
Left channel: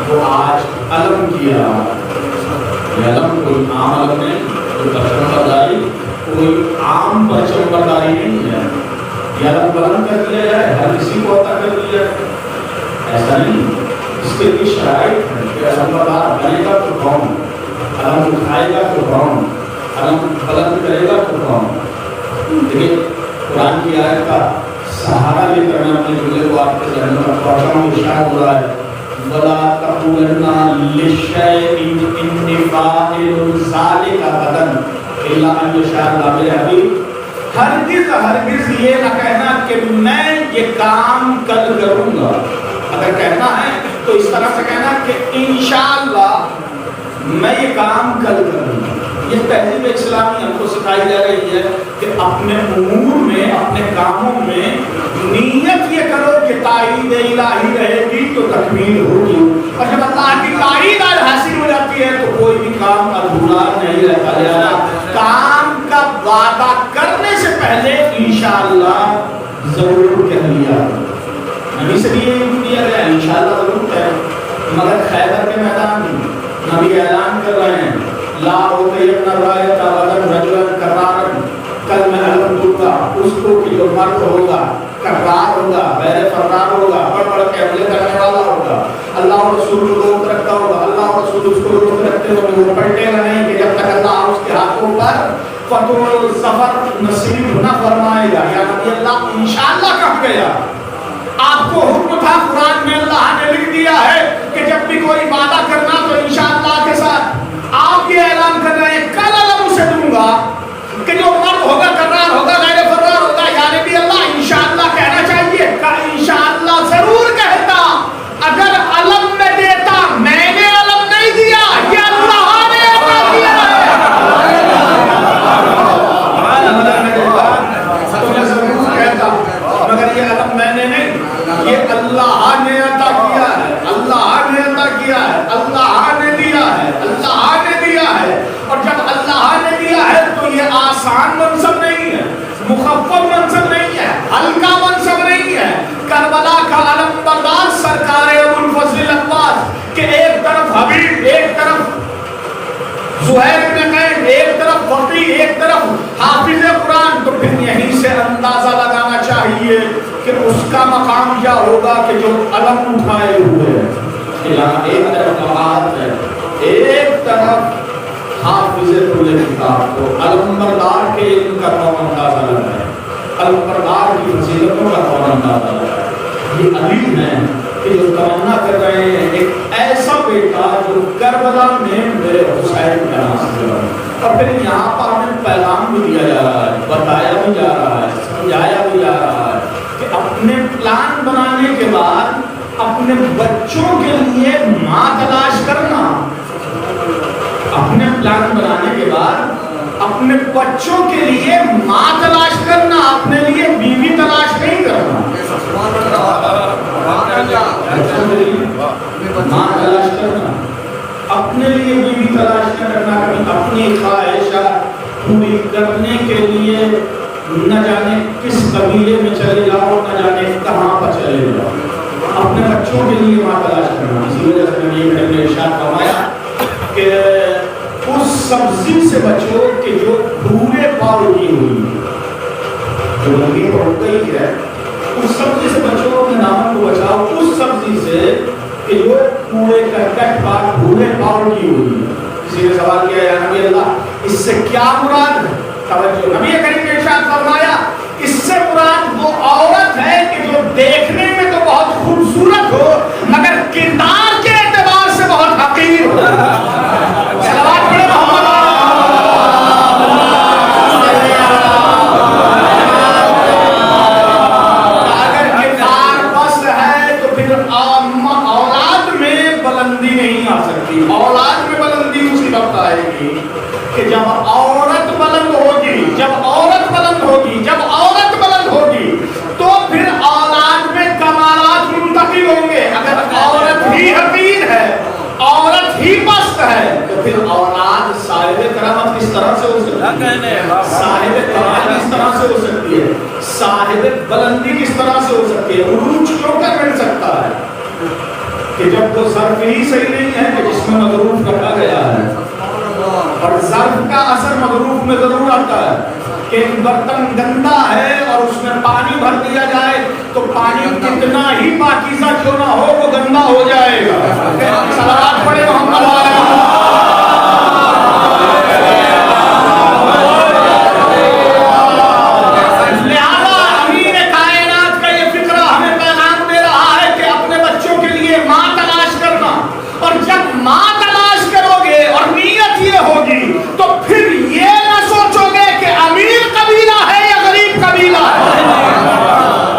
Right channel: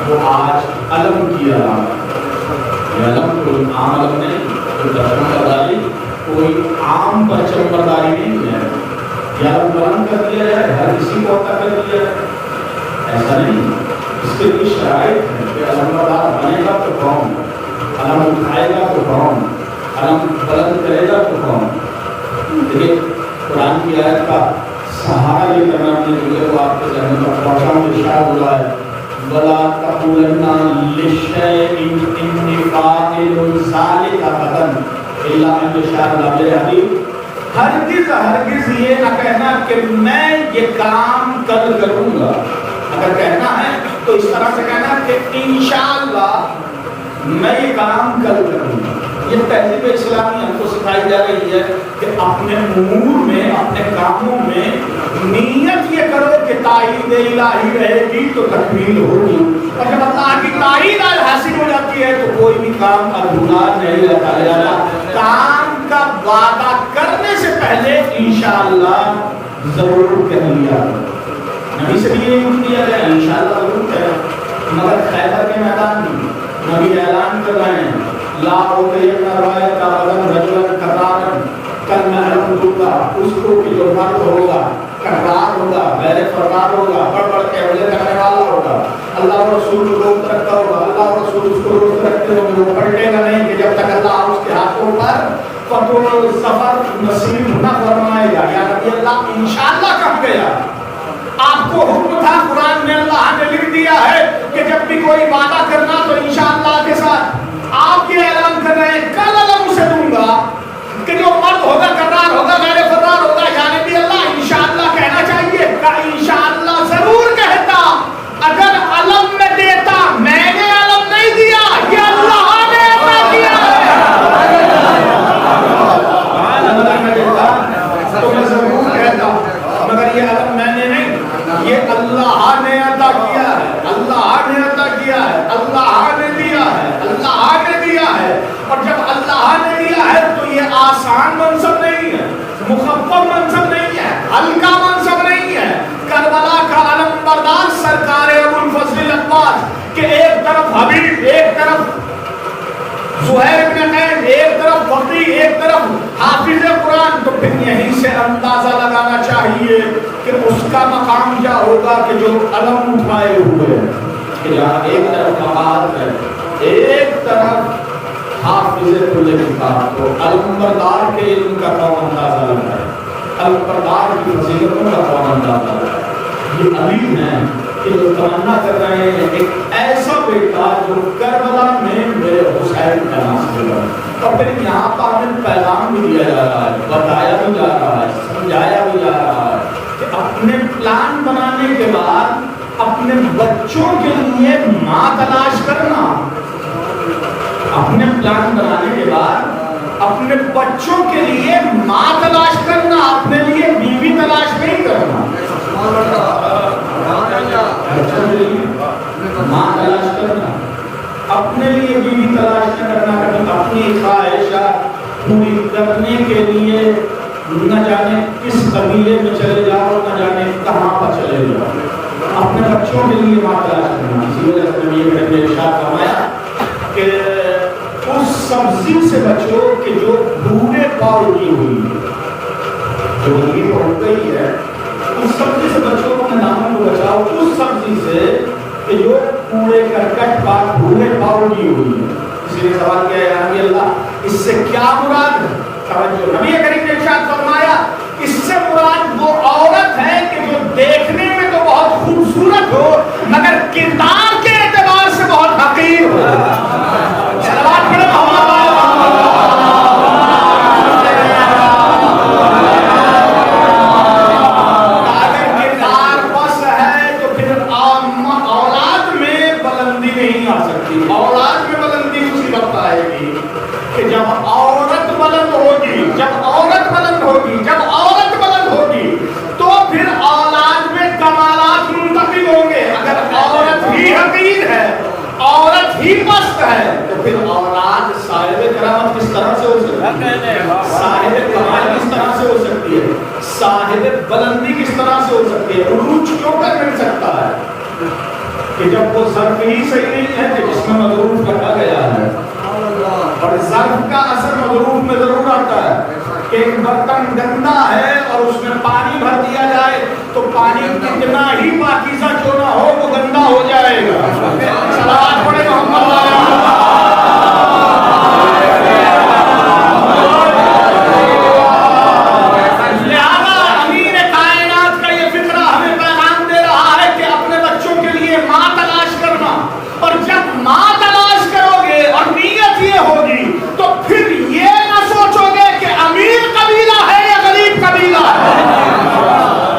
وہ آج علم کی علامت ہے۔ یہ علم کوئی عام علم نہیں، کوئی پرچم برداری، کوئی عام پرچم برداری نہیں ہے۔ یہ علم بلند کر دیا جائے، ہر کسی کو عطا کر دیا جائے، ایسا نہیں۔ اس کے لیے شرائط ہے کہ علم بردار بنے گا تو کون، علم اٹھائے گا تو کون، علم بلند کرے گا تو کون۔ دیکھیے قرآن کی آیت کا سہارا لے کر میں اپنے جملے کو آپ کے ذہن میں پہنچا ہوں۔ ارشاد ہو رہا ہے وَلَا تَقُولَنَّ لِشَيْءٍ إِنِّي فَاعِلٌ ذَلِكَ غَدًا إِلَّا أَن يَشَاءَ اللَّهُ۔ میرے حبیب ہرگز یہ نہ کہنا کہ میں یہ کام کل کروں گا، اگر کہنا ہے تو اس طرح سے کہنا کہ انشاءاللہ میں یہ کام کل کروں گا۔ یہ تہذیب اسلامی ہم کو سکھائی جا رہی ہے کہ اپنے امور میں، اپنے کاموں میں نیت یہ کرو کہ تائید الہی رہے گی تو تکمیل ہوگی، اور جب اللہ کی تائید حاصل ہو جاتی ہے تو کوئی بھی کام ادھورا نہیں رہتا۔ لہذا کام کا وعدہ کرنے سے پہلے انشاءاللہ ضرور کہہ لیا۔ نبی سے بھی یہ کیا گیا انشاءاللہ ضرور کہہ، مگر خیبر کے میدان میں نبی اعلان کر رہے ہیں لا اطیعن رایۃ غدا رجلا کرارا، کل میں علم دوں گا اس کو کہ جو مرد ہوگا، کرار ہوگا، غیر فرار ہوگا، بڑھ بڑھ کے حملے کرنے والا ہوگا، اللہ اور رسول کو دوست رکھتا ہوگا، اللہ اور رسول اس کو دوست رکھتے ہوگے، وہ پلٹے گا نہیں کہ جب تک اللہ اس کے ہاتھوں پر فتح و ظفر نصیب نہ فرمائے گا۔ یا نبی اللہ انشاءاللہ کہا گیا، آپ کو حکم تھا، قرآن میں اللہ نے لکھ دیا ہے کہ جب بھی کوئی وعدہ کرنا تو انشاءاللہ کے ساتھ۔ آپ یہ اعلان کر رہے ہیں کل علم اسے دوں گا کہ جو مرد ہوگا، کرار ہوگا، غیر فرار ہوگا۔ یعنی بھی اللہ انشاءاللہ کہنا چاہیے کہ انشاءاللہ ضرور کہتا، اگر علم میں دیتا، میں نے علم نہیں دیا، یہ اللہ نے عطا کیا ہے۔ اگر میں دیتا تو میں ضرور کہتا، مگر یہ علم میں نے نہیں، یہ اللہ نے عطا کیا ہے، اللہ نے عطا کیا ہے، اللہ نے دیا ہے، اللہ نے دیا ہے۔ اور جب اللہ نے دیا ہے تو یہ آسان منصب نہیں ہے، مخفف منصب نہیں ہے، ہلکا منصب نہیں ہے۔ کربلا کا علم بردار سرکار ابو الفضل عباس کہ ایک طرف حبیب، ایک طرف زہیر بن قین ایک طرف فقی ایک طرف حافظ قرآن، تو پھر یہیں سے اندازہ لگانا چاہیے کہ اس کا مقام کیا ہوگا کہ جو علم اٹھائے ہوئے ہیں، کہ جہاں ایک طرف قرآن ہے ایک طرف حافظ کل کتاب، تو علمبردار کے علم کا کون اندازہ لگائے، علمبردار کی فضیلتوں کا کون اندازہ لگائے۔ یہ علی ہیں کہ جو تمنا کر رہے ہیں ایک ایسا بیٹا جو کربلا میں میرے حسین کا ناصر ہو، اور پھر یہاں پر ہمیں پیغام بھی دیا جا رہا ہے، بتایا بھی جا رہا ہے، سمجھایا بھی جا رہا ہے کہ اپنے پلان بنانے کے بعد اپنے بچوں کے لیے ماں تلاش کرنا، اپنے پلان بنانے کے بعد اپنے بچوں کے لیے ماں تلاش کرنا، اپنے لیے بیوی تلاش نہیں کرنا، ماں تلاش کرنا، اپنے لیے بیوی تلاش نہ کرنا، کبھی اپنی خواہشات پوری کرنے کے لیے نہ جانے کس قبیلے میں چلے جاؤ، نہ جانے کہاں پر چلے جاؤ، اپنے بچوں کے لیے ماں تلاش کرنا۔ اسی وجہ سے نبی کریم نے ارشاد فرمایا کہ اس سبزی سے بچو کہ جو بھورے پاؤ کی ہوئی ہے، جو لگی ہو گئی ہے، اس سبزی سے بچو، اپنے دامن کو بچاؤ اس سبزی سے کہ جو کوڑے کرکٹ پاک بھورے پاؤ کی ہوئی ہے۔ کسی نے سوال کیا یا نبی اللہ اس سے کیا مراد ہے؟ توجہ، نبی کریم نے ارشاد فرمایا اس سے مراد وہ عورت ہے کہ جو دیکھنے میں تو بہت خوبصورت ہو مگر کردار کے اعتبار سے بہت حقیر ہو۔ صلوات پڑھے محمد اگر کردار پست ہے تو پھر اولاد میں بلندی نہیں آ سکتی۔ اولاد میں بلندی اسی وقت آئے گی کہ جب عورت بلند ہوگی، جب عورت بلند ہوگی، جب عورت بلند ہوگی تو پھر اولاد میں کمالات منتقل ہوں گے۔ اگر عورت ہی حقیر ہے، عورت ہی پست ہے، تو پھر اولاد صاحب کرامت کس طرح سے ہو سکتی ہے، صاحب کمال کس طرح سے ہو سکتی ہے، صاحب بلندی کس طرح سے ہو سکتی ہے، عروج کیوں کر مل سکتا ہے کہ جب وہ ظرف ہی صحیح نہیں ہے کہ جس میں مضروف رکھا گیا ہے، اور ظرف کا اثر مضروف میں ضرور آتا ہے کہ ایک برتن گندا ہے اور اس میں پانی بھر دیا جائے تو پانی کتنا ہی پاکیزہ کیوں نہ ہو وہ گندا ہو جائے گا۔ صلوات پڑھے محمد علیہ۔ لہذا امیر کائنات کا یہ فقرہ ہمیں پیغام دے رہا ہے کہ اپنے بچوں کے لیے ماں تلاش کرنا، اور جب ماں تلاش کرو گے اور نیت یہ ہوگی تو پھر یہ نہ سوچو گے کہ امیر قبیلہ ہے یا غریب قبیلہ ہے۔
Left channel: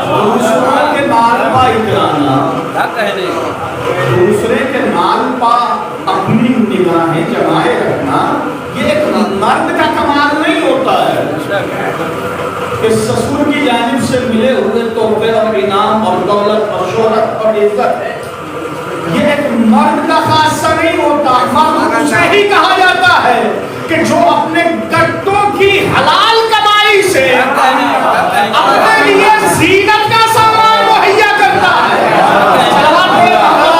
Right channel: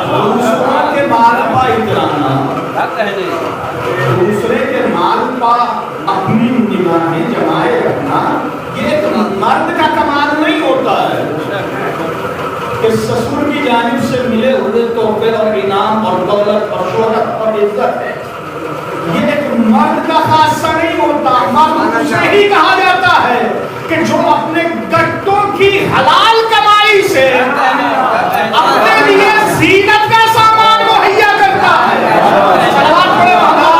دوسروں کے مال پا اترانا، دوسرے کے مال پا اپنی نگاہیں جمائے رکھنا، یہ ایک مرد کا کمال نہیں ہوتا ہے کہ سسر کی جانب سے ملے ہوئے تحفے اور انعام اور دولت اور شہرت اور عزت ہے، یہ ایک مرد کا خاصہ نہیں ہوتا۔ مرد اسے ہی کہا جاتا ہے کہ جو اپنے گٹوں کی حلال کمائی سے اپنے لیے زینت کا سامان مہیا کرتا ہے۔ صلوات پڑھے محمد۔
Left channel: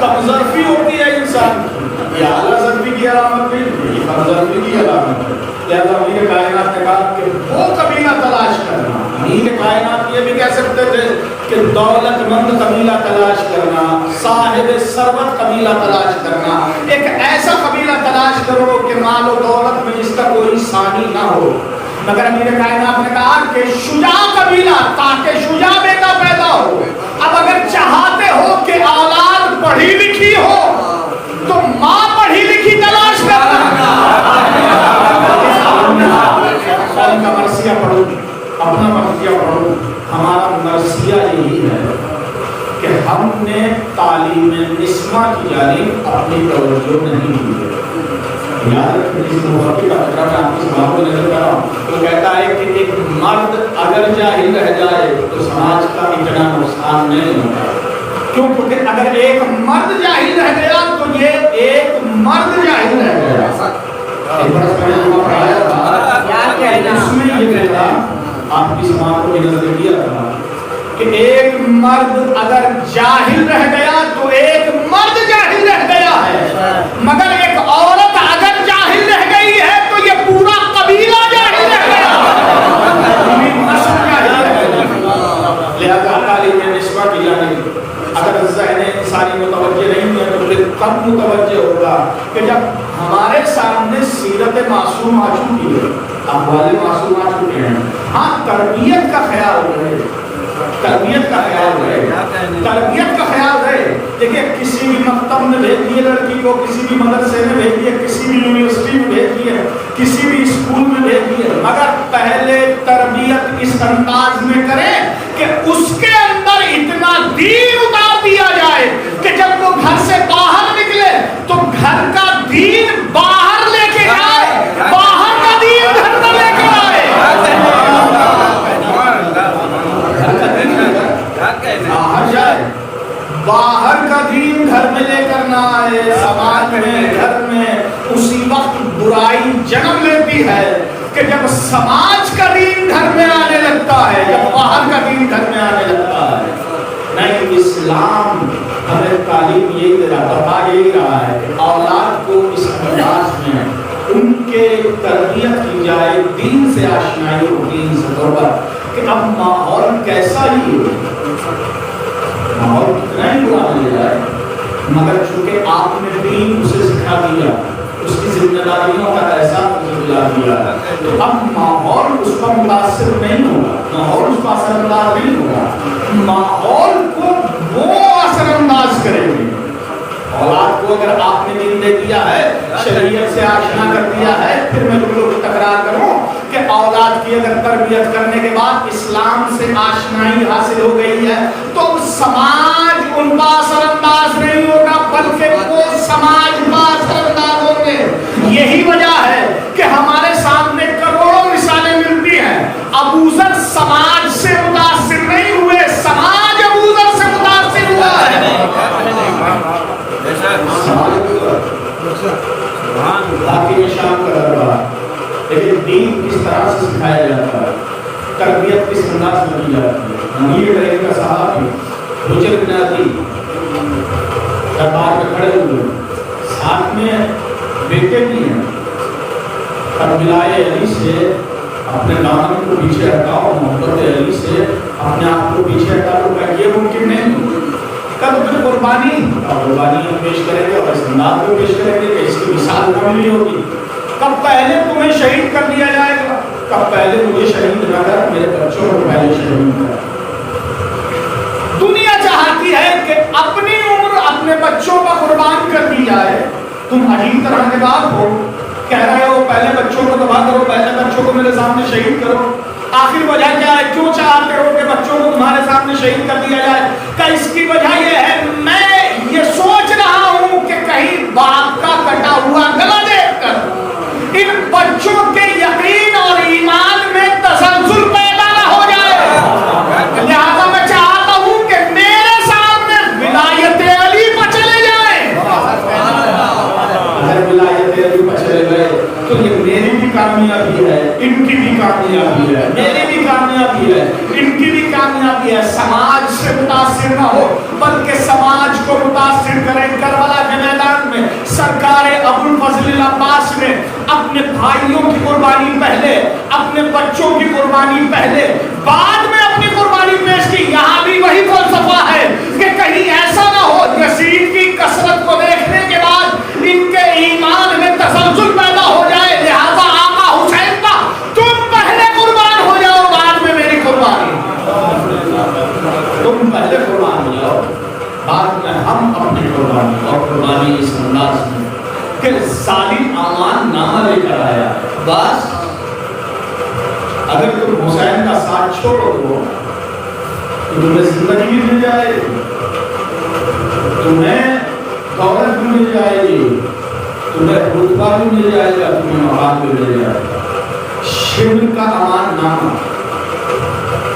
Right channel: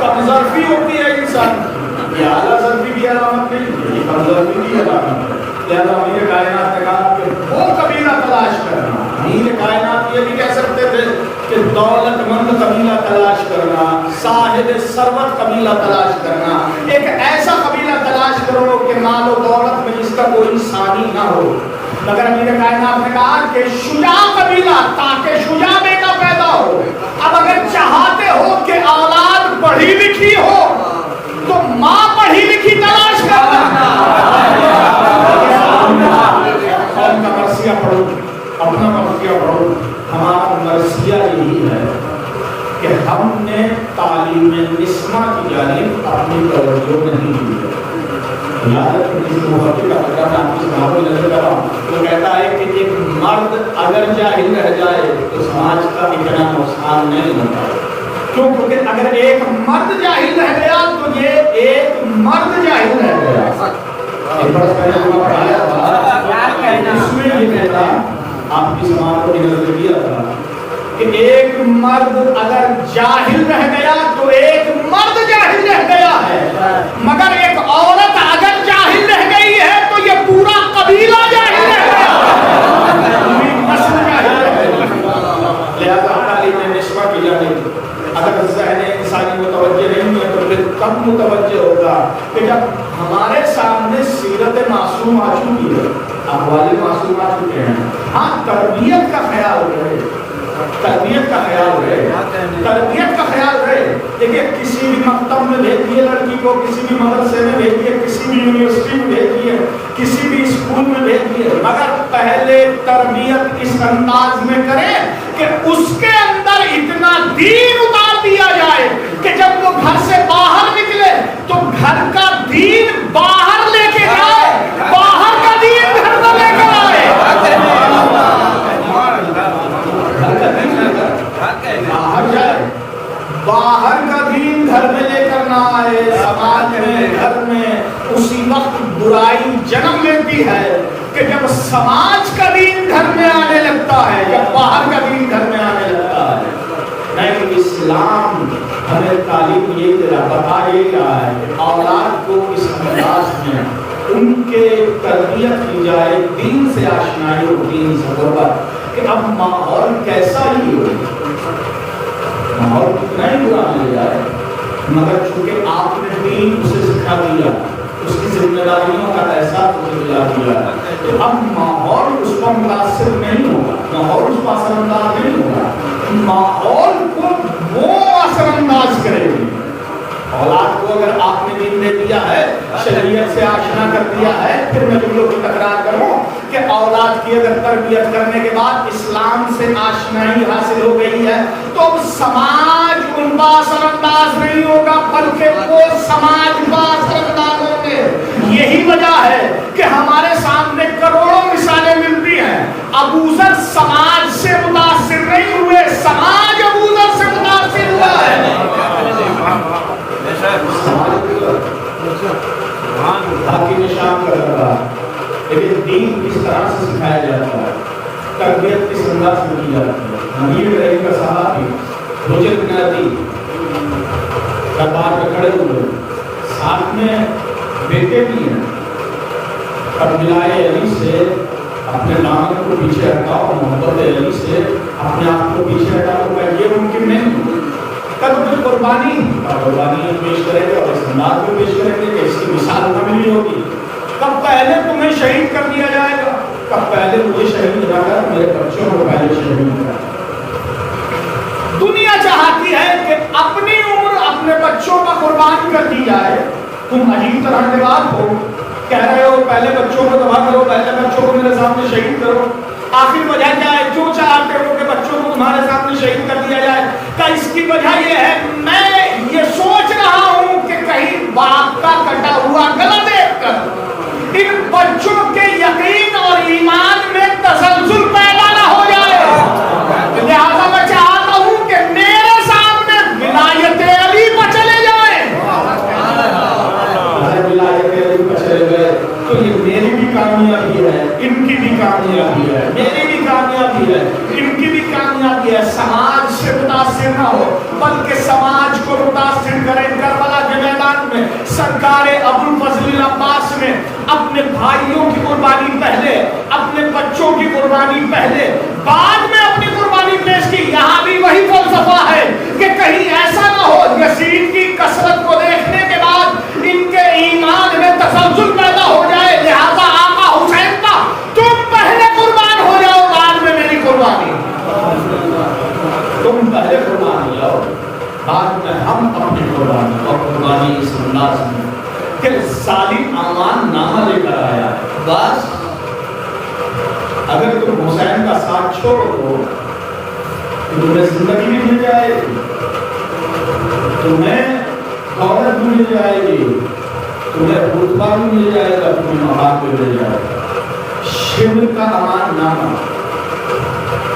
کم ظرفی ہوتی ہے انسان کی، یہ اعلیٰ ظرفی کی علامت نہیں، یہ کم ظرفی کی علامت ہے۔ لہذا امیر کائنات نے کہا کہ وہ قبیلہ تلاش کرنا۔ امیر کائنات یہ بھی کہہ سکتے تھے کہ دولت مند قبیلہ تلاش کرنا، صاحب ثروت قبیلہ تلاش کرنا، ایک ایسا قبیلہ تلاش کرو کہ مال و دولت میں جس کا کوئی ثانی نہ ہو۔ مگر امیر کائنات نے کہا کہ شجاع قبیلہ، تاکہ شجاع بیٹا پیدا ہو۔ اب اگر چاہتے ہو کہ اولاد پڑھی لکھی ہو تو ماں پڑھی لکھی تلاش کرنا۔ قوم کا مرثیہ پڑھو، اپنا مرثیہ پڑھو۔ ہمارا مرثیہ یہی ہے کہ ہم نے تعلیم نسواں کی جانب اپنی توجہ نہیں دی ہے۔ یاد رکھیں جس محبت کا فکرہ میں آپ کی سماعت میں نظر کر رہا ہوں، تو کہتا ہے کہ ایک مرد اگر جاہل رہ جائے تو سماج کا اتنا نقصان نہیں ہوتا۔ کیوں؟ کیونکہ اگر ایک مرد جاہل رہ گیا تو یہ ایک مرد جاہل رہ گیا۔ ایک برس پہلے جب پڑھایا تھا اس میں یہ فکرہ آپ کی سماعت کو نظر کیا تھا کہ ایک مرد اگر جاہل رہ گیا تو ایک مرد جاہل رہ گیا ہے، مگر ایک عورت اگر جاہل رہ گئی ہے تو یہ پورا قبیلہ جاہل رہ گیا، پوری نسل جاہل رہ گئی۔ لہذا تعلیم نسواں کی جانب اگر ذہن انسانی متوجہ نہیں ہے تو پھر کب متوجہ ہوگا کہ جب ہمارے سامنے سیرت معصوم آ چکی ہے، احوال معصوم آ چکے ہیں، ہاں تربیت کا خیال رہے، تربیت کا خیال رہے، تربیت کا خیال رہے۔ دیکھیں کسی بھی مکتب میں بھیجیے لڑکی کو، کسی بھی مدرسے میں بھیجیے، کسی بھی یونیورسٹی میں بھیجیے، کسی بھی اسکول میں بھیجیے، مگر پہلے تربیت اس انداز میں کریں کہ اس کے اندر اتنا دین اتار دیا جائے کہ جب وہ گھر سے باہر نکلے تو گھر کا دین باہر لے کے جائے، باہر کا دین گھر میں لے کر آئے۔ گھر کا دین باہر جائے، باہر کا دین گھر میں لے کر نہ آئے۔ سماج میں، گھر میں اسی وقت برائی جنم لیتی ہے کہ جب سماج کا دین گھر میں آنے لگتا ہے، جب باہر کا دین گھر میں آنے لگتا ہے۔ نہیں، اسلام ہمیں تعلیم یہی دے رہا، بتا یہی رہا ہے کہ اولاد کو اس انداز میں ان کے تربیت کی جائے، دین سے آشنائی اور دین سے قربت، کہ اب ماحول کیسا ہی ہو، ماحول کتنا ہی برا مل جائے، مگر چونکہ آپ نے دین اسے سکھا دیا، اس کی ذمہ داریوں کا احساس اسے دلا دیا، تو اب ماحول اس کا متاثر نہیں ہوگا، ماحول اس کا اثر انداز نہیں ہوگا، ماحول کو وہ اثر انداز کریں گے۔ اولاد کو اگر آپ نے دین دے دیا ہے، شریعت سے آشنا کر دیا ہے، پھر میں تم لوگ کی تکرار کروں کہ اولاد کی اگر تربیت کرنے کے بعد اسلام سے آشنائی حاصل ہو گئی ہے تو اب سماج ان کا اثر انداز نہیں ہوگا، بلکہ وہ سماج کا اثر انداز ہوں گے۔ یہی وجہ ہے کہ ہمارے سامنے کروڑوں مثالیں ملتی ہیں، ابو ذر سماج سے متاثر نہیں ہوئے، سماج ابو ذر سے متاثر ہوا ہے۔ تاکہ شان کا دربار، لیکن دین کس طرح سے سکھایا جاتا ہے، تربیت کس انداز میں کی جاتی ہے۔ امیر رہی کا صحابی حجر بن عدی دربار میں کھڑے ہوئے، ساتھ میں بیٹے بھی ہیں، اب ملائے علی سے اپنے دامن کو پیچھے ہٹاؤ، محبت علی سے اپنے آپ کو پیچھے ہٹاؤ، کہ یہ ممکن نہیں، کب پھر قربانی پیش کریں گے اور اس انداز میں پیش کریں گے کہ اس کی مثال نہ ملی ہوگی۔ کب پہلے تمہیں شہید کر دیا جائے گا، کب پہلے مجھے شہید نہ کر، میرے بچوں کو پہلے شہید کر۔ دنیا چاہتی ہے کہ اپنی عمر اپنے بچوں کا قربان کر دی جائے۔ تم عجیب طرح کے بات ہو، کہہ رہے ہو پہلے بچوں کو تباہ کرو، پہلے بچوں کو میرے سامنے شہید کرو۔ آخر وجہ کیا ہے؟ کیوں چاہتے ہو کہ بچوں کو تمہارے سامنے شہید کر دیا جائے؟ کہ اس کی وجہ یہ ہے، میں یہ سوچ رہا ہوں کہ کہیں باپ کا کٹا ہوا گلا دیکھ کر ان بچوں کے یقین اور ایمان میں تسلسل پیدا نہ ہو جائے، لہذا میں چاہتا ہوں کہ میرے سامنے ولایت علی پر چلے جائیں۔ اگر ولایت علی پر چلے گئے تو یہ میری بھی کامیابی ہے، ان کی بھی کامیابی ہے، میری بھی کامیابی ہے، ان کی بھی کامیابی ہے۔ سماج سے متاثر نہ ہو بلکہ سماج کو متاثر کریں۔ کربلا کے میدان میں سرکار ابو الفضل العباس نے اپنے بھائیوں کی قربانی پہلے، اپنے بچوں کی قربانی پہلے، بعد میں اپنی قربانی پیش کی۔ یہاں بھی وہی فلسفہ ہے کہ کہیں ایسا نہ ہو یزید کی کثرت کو دیکھنے کے بعد ان کے ایمان میں تسلسل پیدا ہو جائے، لہذا آقا حسین کا تم پہلے قربان ہو جاؤ، بعد میں میری قربانی، تم پہلے قربان ہو جاؤ، بعد میں ہم اپنی قربانی۔ اور قربانی اس انداز میں کہ ظالم امان نامہ لے کر آیا ہے، بس اگر تم حسین کا ساتھ چھوڑ دو تو تمہیں زندگی بھی مل جائے گی، تمہیں دولت بھی مل جائے گی، تمہیں رتبہ بھی مل جائے گا، تمہیں مقام بھی مل جائے گا۔ شبر کا امان نامہ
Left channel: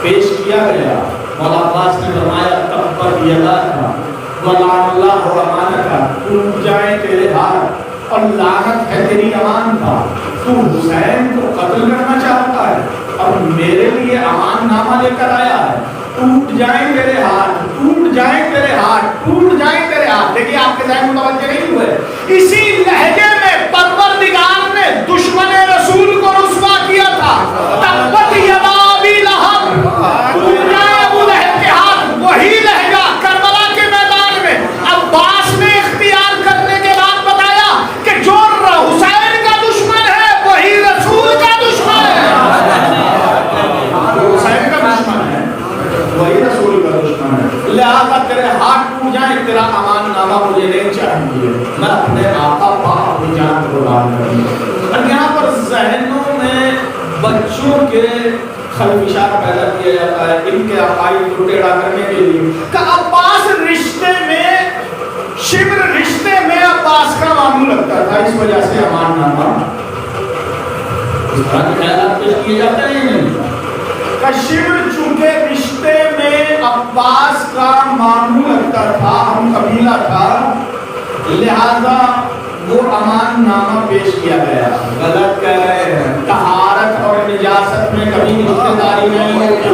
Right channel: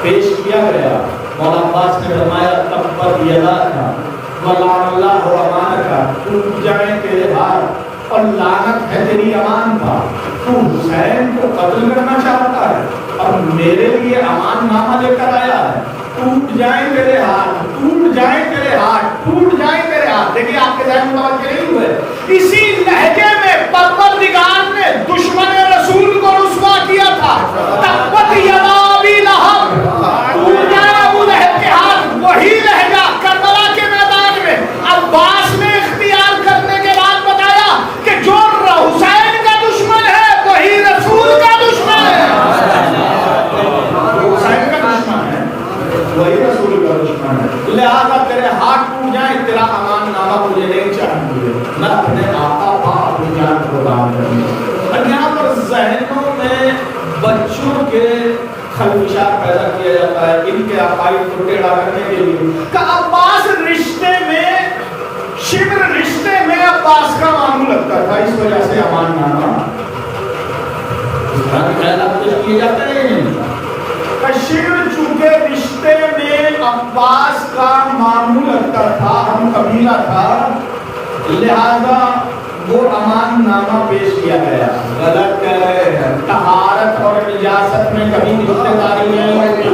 پیش کیا گیا، مولا عباس نے فرمایا تبت یداک ولعن اللہ امانک، ٹوٹ جائیں تیرے ہاتھ اور لعنت ہے تیری امان کا۔ تو حسین کو قتل کرنا چاہتا ہے، اب میرے لیے امان نامہ لے کر آیا ہے، ٹوٹ جائیں تیرے ہاتھ، ٹوٹ جائیں تیرے ہاتھ، ٹوٹ جائیں تیرے ہاتھ. دیکھیے آپ کے ذہن متوجہ نہیں ہوئے. اسی لہجے میں پروردگار نے دشمن رسول کو رسوا کیا تھا. تبت یدا ابی لہب، ٹوٹ جائے ابو لہب کے ہاتھ. وہی لہجہ کربلا کے میدان میں عباس نے اختیار کرنے کے بعد بتایا کہ جو حسین کا دشمن ہے وہی رسول کا دشمن ہے. حسین کا دشمن ہے وہی رسول کا دشمن ہے. لہذا تیرے ہاتھ ٹوٹ جائیں، تیرا امان نامہ مجھے نہیں چاہیے، میں اپنے آقا پاک اپنی جان قربان کروں. اور یہاں پر ذہنوں میں بچوں کے خلفشار پیدا کیا جاتا ہے ان کے عقائد کو ٹیڑھا کرنے کے لیے کہ عباس رشتے میں، شبر رشتے میں عباس کا ماموں لگتا تھا، اس وجہ سے امان نامہ. اس طرح کے خیالات پیش کیے جاتے ہیں. شبر چونکہ رشتے میں عباس کا ماموں لگتا تھا، ہم قبیلہ تھا، لہذا وہ امان نامہ پیش کیا گیا. غلط کہہ رہے ہیں. طہارت اور نجاست میں کبھی رشتہ داری نہیں ہوتی.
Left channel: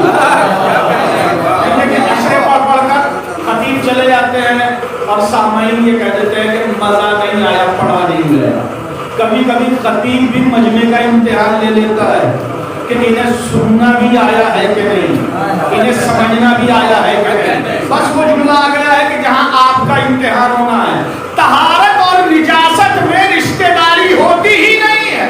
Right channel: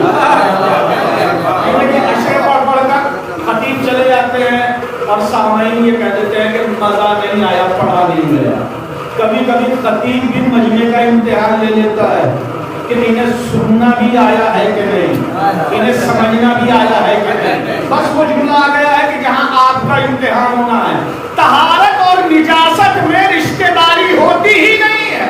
لیکن اشرے پڑھ پڑھ کر خطیب چلے جاتے ہیں اور سامعین یہ کہہ دیتے ہیں کہ مزہ نہیں آیا، پڑھا نہیں گیا. کبھی کبھی خطیب بھی مجمع کا امتحان لے لیتا ہے کہ انہیں سننا بھی آیا ہے کہ نہیں، انہیں سمجھنا بھی آیا ہے کہ نہیں. بس وہ جملہ آ گیا ہے کہ جہاں آپ کا امتحان ہونا ہے. طہارت اور نجاست میں رشتہ داری ہوتی ہی نہیں ہے.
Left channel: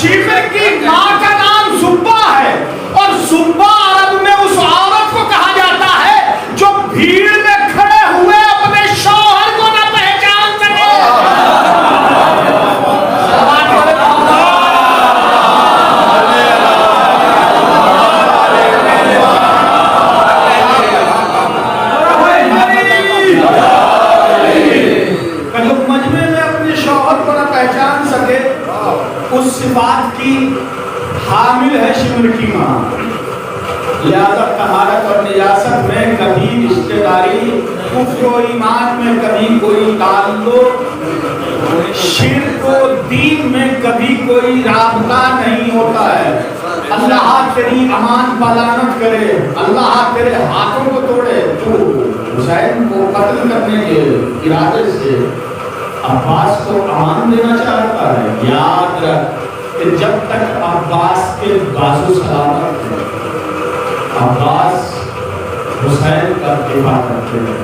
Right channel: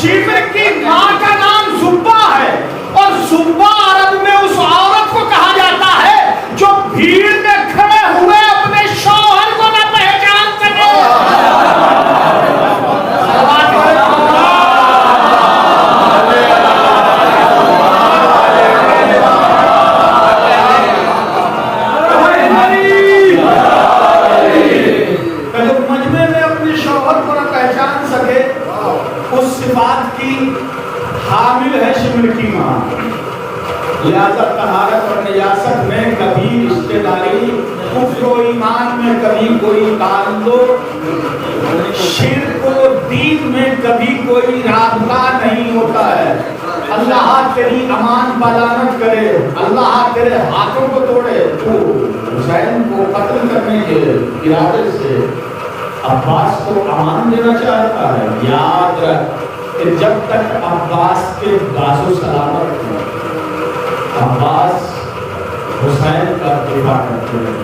شیبر کی ماں کا نام زبا ہے، اور زبا عرب میں اس عورت کو کہا جاتا ہے جو بھیڑ میں کھڑے ہوئے اپنے شوہر کو نہ پہچان سکے. پہچان سکے اس صفات کی حامل ہے شبر کی ماں. لہذا طہارت اور نجاست میں کبھی رشتہ داری، کفر و ایمان میں کبھی کوئی تعلق، شرک و دین میں کبھی کوئی رابطہ نہیں ہوتا ہے. اللہ تیری امان پالانت کرے، اللہ تیرے ہاتھوں کو توڑے. تو حسین کو قتل کرنے کے ارادے سے عباس کو امان دینا چاہتا ہے. یاد رکھ کہ جب تک عباس کے بازو سلامت تھے، عباس حسین کا دفاع کرتے ہیں.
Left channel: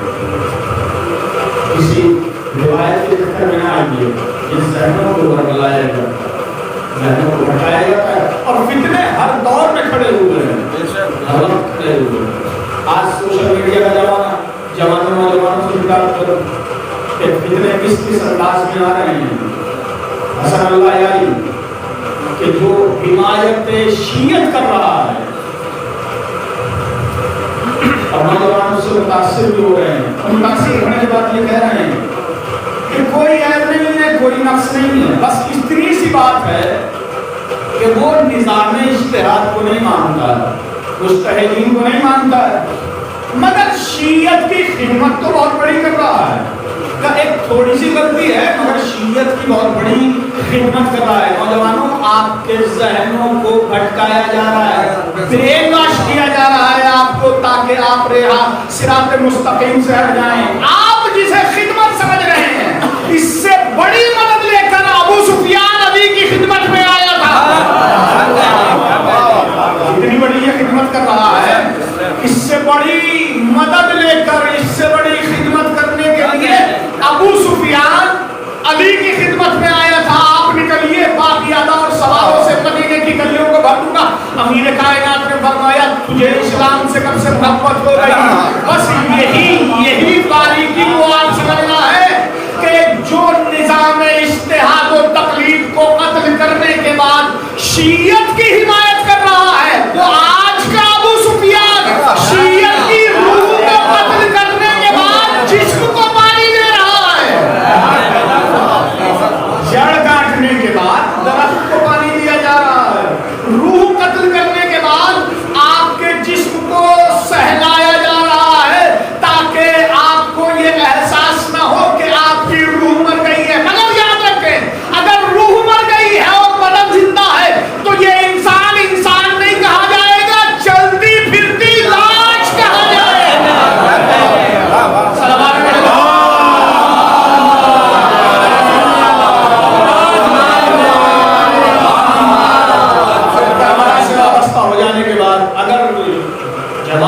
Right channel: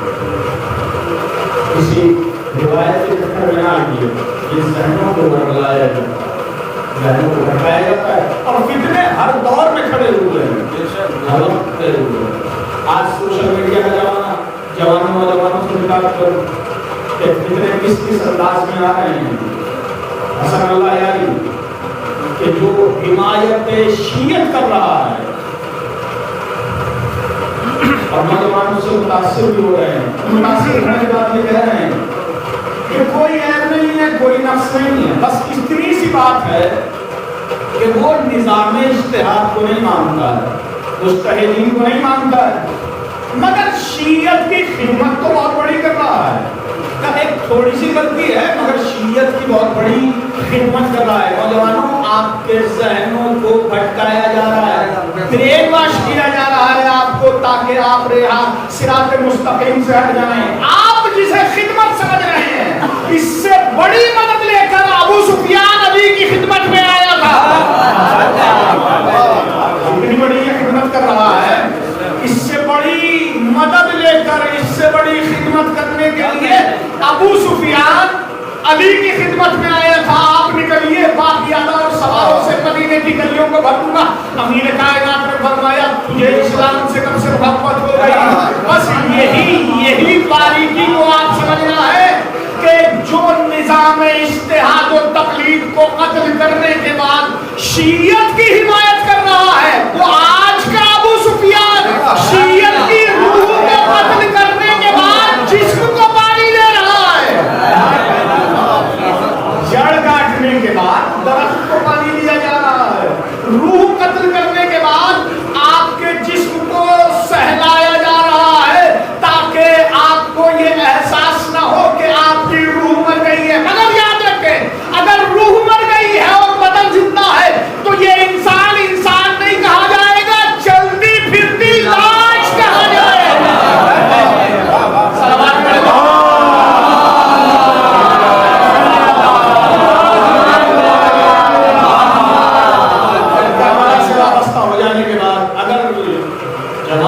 کسی روایت کے چکر میں نہ آئیے. جن ذہنوں کو ورگلایا جاتا ہے، ذہنوں کو بھٹکایا جاتا ہے، اور فتنے ہر دور میں کھڑے ہوئے ہیں، ہر وقت کھڑے ہوئے ہیں. آج سوشل میڈیا کا زمانہ، جوانوں نوجوانوں سے خطاب کرو کہ فتنے کس انداز میں آ رہے ہیں. حسن اللہ یاری کہ جو حمایت شیعت کر رہا ہے اور نوجوانوں سے متاثر بھی ہو رہے ہیں. متاثر ہونے کے بعد یہ کہہ رہے ہیں کہ کوئی عیب نہیں ہے، کوئی نقص نہیں ہے، بس اتنی سی بات ہے کہ وہ نظام اجتہاد کو نہیں مانتا ہے، مجتہدین کو نہیں مانتا ہے، مگر شیعت کی خدمت تو بہت بڑی کر رہا ہے. ایک تھوڑی سی غلطی ہے مگر شیعت کی بہت بڑی خدمت کر رہا ہے. نوجوانوں آپ کے ذہنوں کو بھٹکایا جا رہا ہے، برین واش کیا جا رہا ہے آپ کو، تاکہ آپ صراط مستقیم سے ہٹ جائیں. آپ جسے خدمت سمجھ رہے ہیں، اس سے بڑی مدد لے کر ابو سفیان علی کی خدمت میں آیا تھا. اتنی بڑی یہ خدمت کر رہا ہے، اس سے بڑی مدد لے کر، اس سے بڑی خدمت کرنے کے لیے ابو سفیان علی کی خدمت میں آیا تھا. آپ نکلیے، باقیادہ اور سواروں سے مدینے کی گلیوں کو بھر دوں گا. امیر کائنات نے فرمایا تجھے اسلام سے کب سے محبت ہو گئی. بس یہی باریکی کو آپ سمجھنا ہے کہ جو نظام اجتہاد و تقلید کو قتل کرنے کے بعد شیعت کی حمایت کر رہا ہے، وہ آج کا ابو سفیان شیعت کی روح کو قتل کرنے کے بعد جسم کو پانی دے رہا ہے. جڑ کاٹنے کے بعد درخت کو پانی دیا جا رہا ہے. روح قتل کرنے کے بعد آپ کے جسم کو سہلایا جا رہا ہے تاکہ آپ کو یہ احساس نہ ہو کہ آپ کی روح مر گئی ہے. مگر یاد رکھیں، اگر روح مر گئی ہے اور بدن زندہ ہے تو یہ انسان نہیں کہا جائے گا.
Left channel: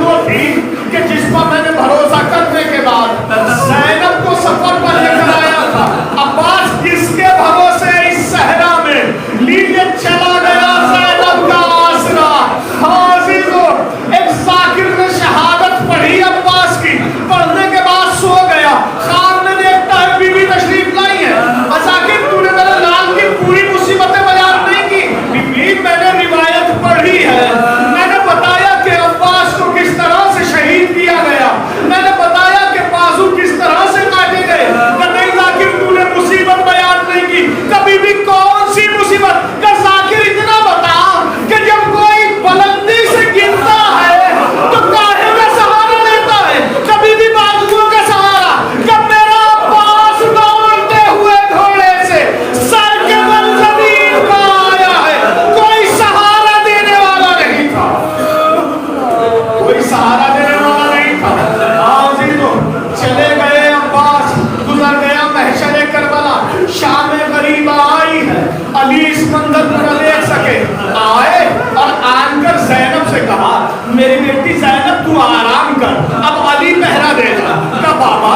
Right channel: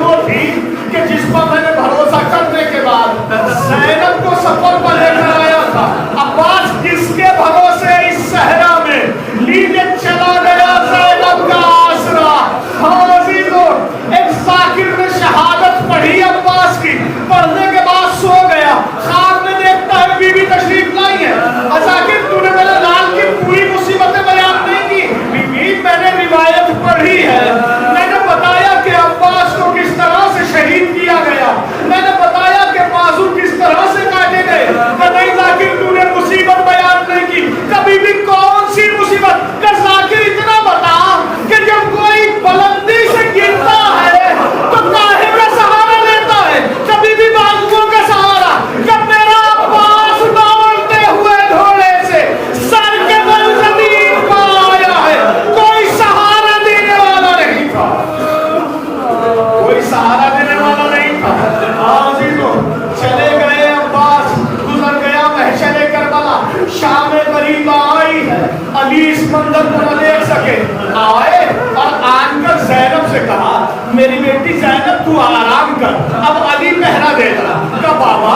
وہ تھی کہ جس پر میں نے بھروسہ کرنے کے بعد زینب کو سفر پر لے کر آیا تھا. عباس کس کے بھروسے اس صحرا میں لیجے چلا گیا زینب کا آسرا. ہاں عزیزو، ایک ذاکر نے شہادت پڑھی عباس کی، پڑھنے کے بعد سو گیا. خواب میں دیکھتا ہے بی بی تشریف لائی ہے. ذاکر تو نے میرے لال کی پوری مصیبتیں بیان نہیں کی. بی بی میں نے روایت پڑھی ہے، میں نے بتایا کہ عباس کو کس طرح سے شہید کیا گیا، میں نے بتایا کہ بازو کس طرح سے کاٹے گئے. کہ نہیں ذاکر تو نے مصیبت بیان نہیں کی. کبھی بھی کون سی مصیبت؟ کہ ذاکر اتنا بتا کہ جب کوئی بلندی سے گرتا ہے تو کاہے کا سہارا لیتا ہے؟ کبھی بھی بازوؤں کا سہارا. جب میرا عباس دوڑتے ہوئے گھوڑے سے سر کے بل زمین پر آیا ہے، کوئی سہارا دینے والا نہیں تھا، کوئی سہارا دینے والا نہیں تھا. عزیزو، چلے گئے عباس، گزر گیا محشر کربلا. شام غریبہ آئی ہے، علی اس منظر کو نہ دیکھ سکے. آئے اور آن کر زینب سے کہا میری بیٹی زینب تو آرام کر، اب علی پہرا دے گا. کہا بابا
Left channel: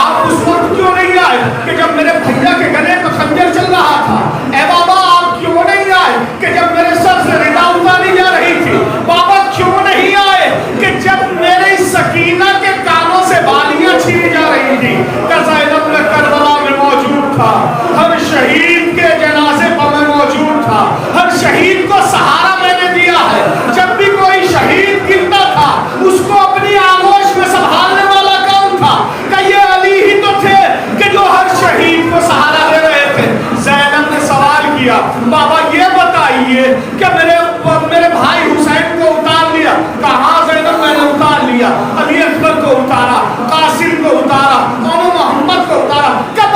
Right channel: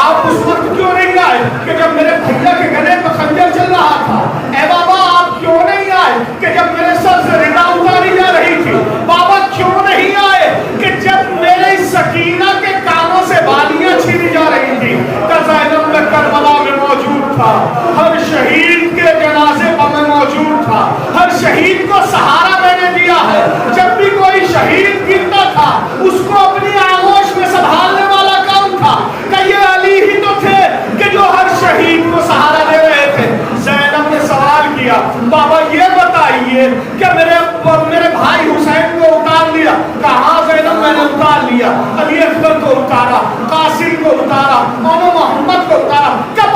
آپ اس وقت کیوں نہیں آئے کہ جب میرے بھیا کے گلے پہ خنجر چل رہا تھا؟ اے بابا آپ کیوں نہیں آئے کہ جب میرے سر سے ردا اتاری جا رہی تھی؟ بابا کیوں نہیں آئے کہ جب میرے سکینہ کے کانوں سے بالیاں چھینی جا رہی تھی؟ کہ زینب میں کربلا میں موجود تھا، ہر شہید کے جنازے پر میں موجود تھا، ہر شہید کو سہارا میں نے دیا ہے. جب بھی کوئی شہید گرتا تھا اس کو اپنی آغوش میں سنبھالنے والا کون تھا؟ کہ یہ علی ہی تو تھے کہ جو ہر شہید کو سہارا دے رہے تھے. زینب نے سوال کیا بابا یہ بتائیے کہ میرے بھائی حسین کو اتار لیا؟ کہاں زینب میں نے اتار لیا. علی اکبر کو اتارا، قاسم کو اتارا، مولانا محمد کو اتارا. کب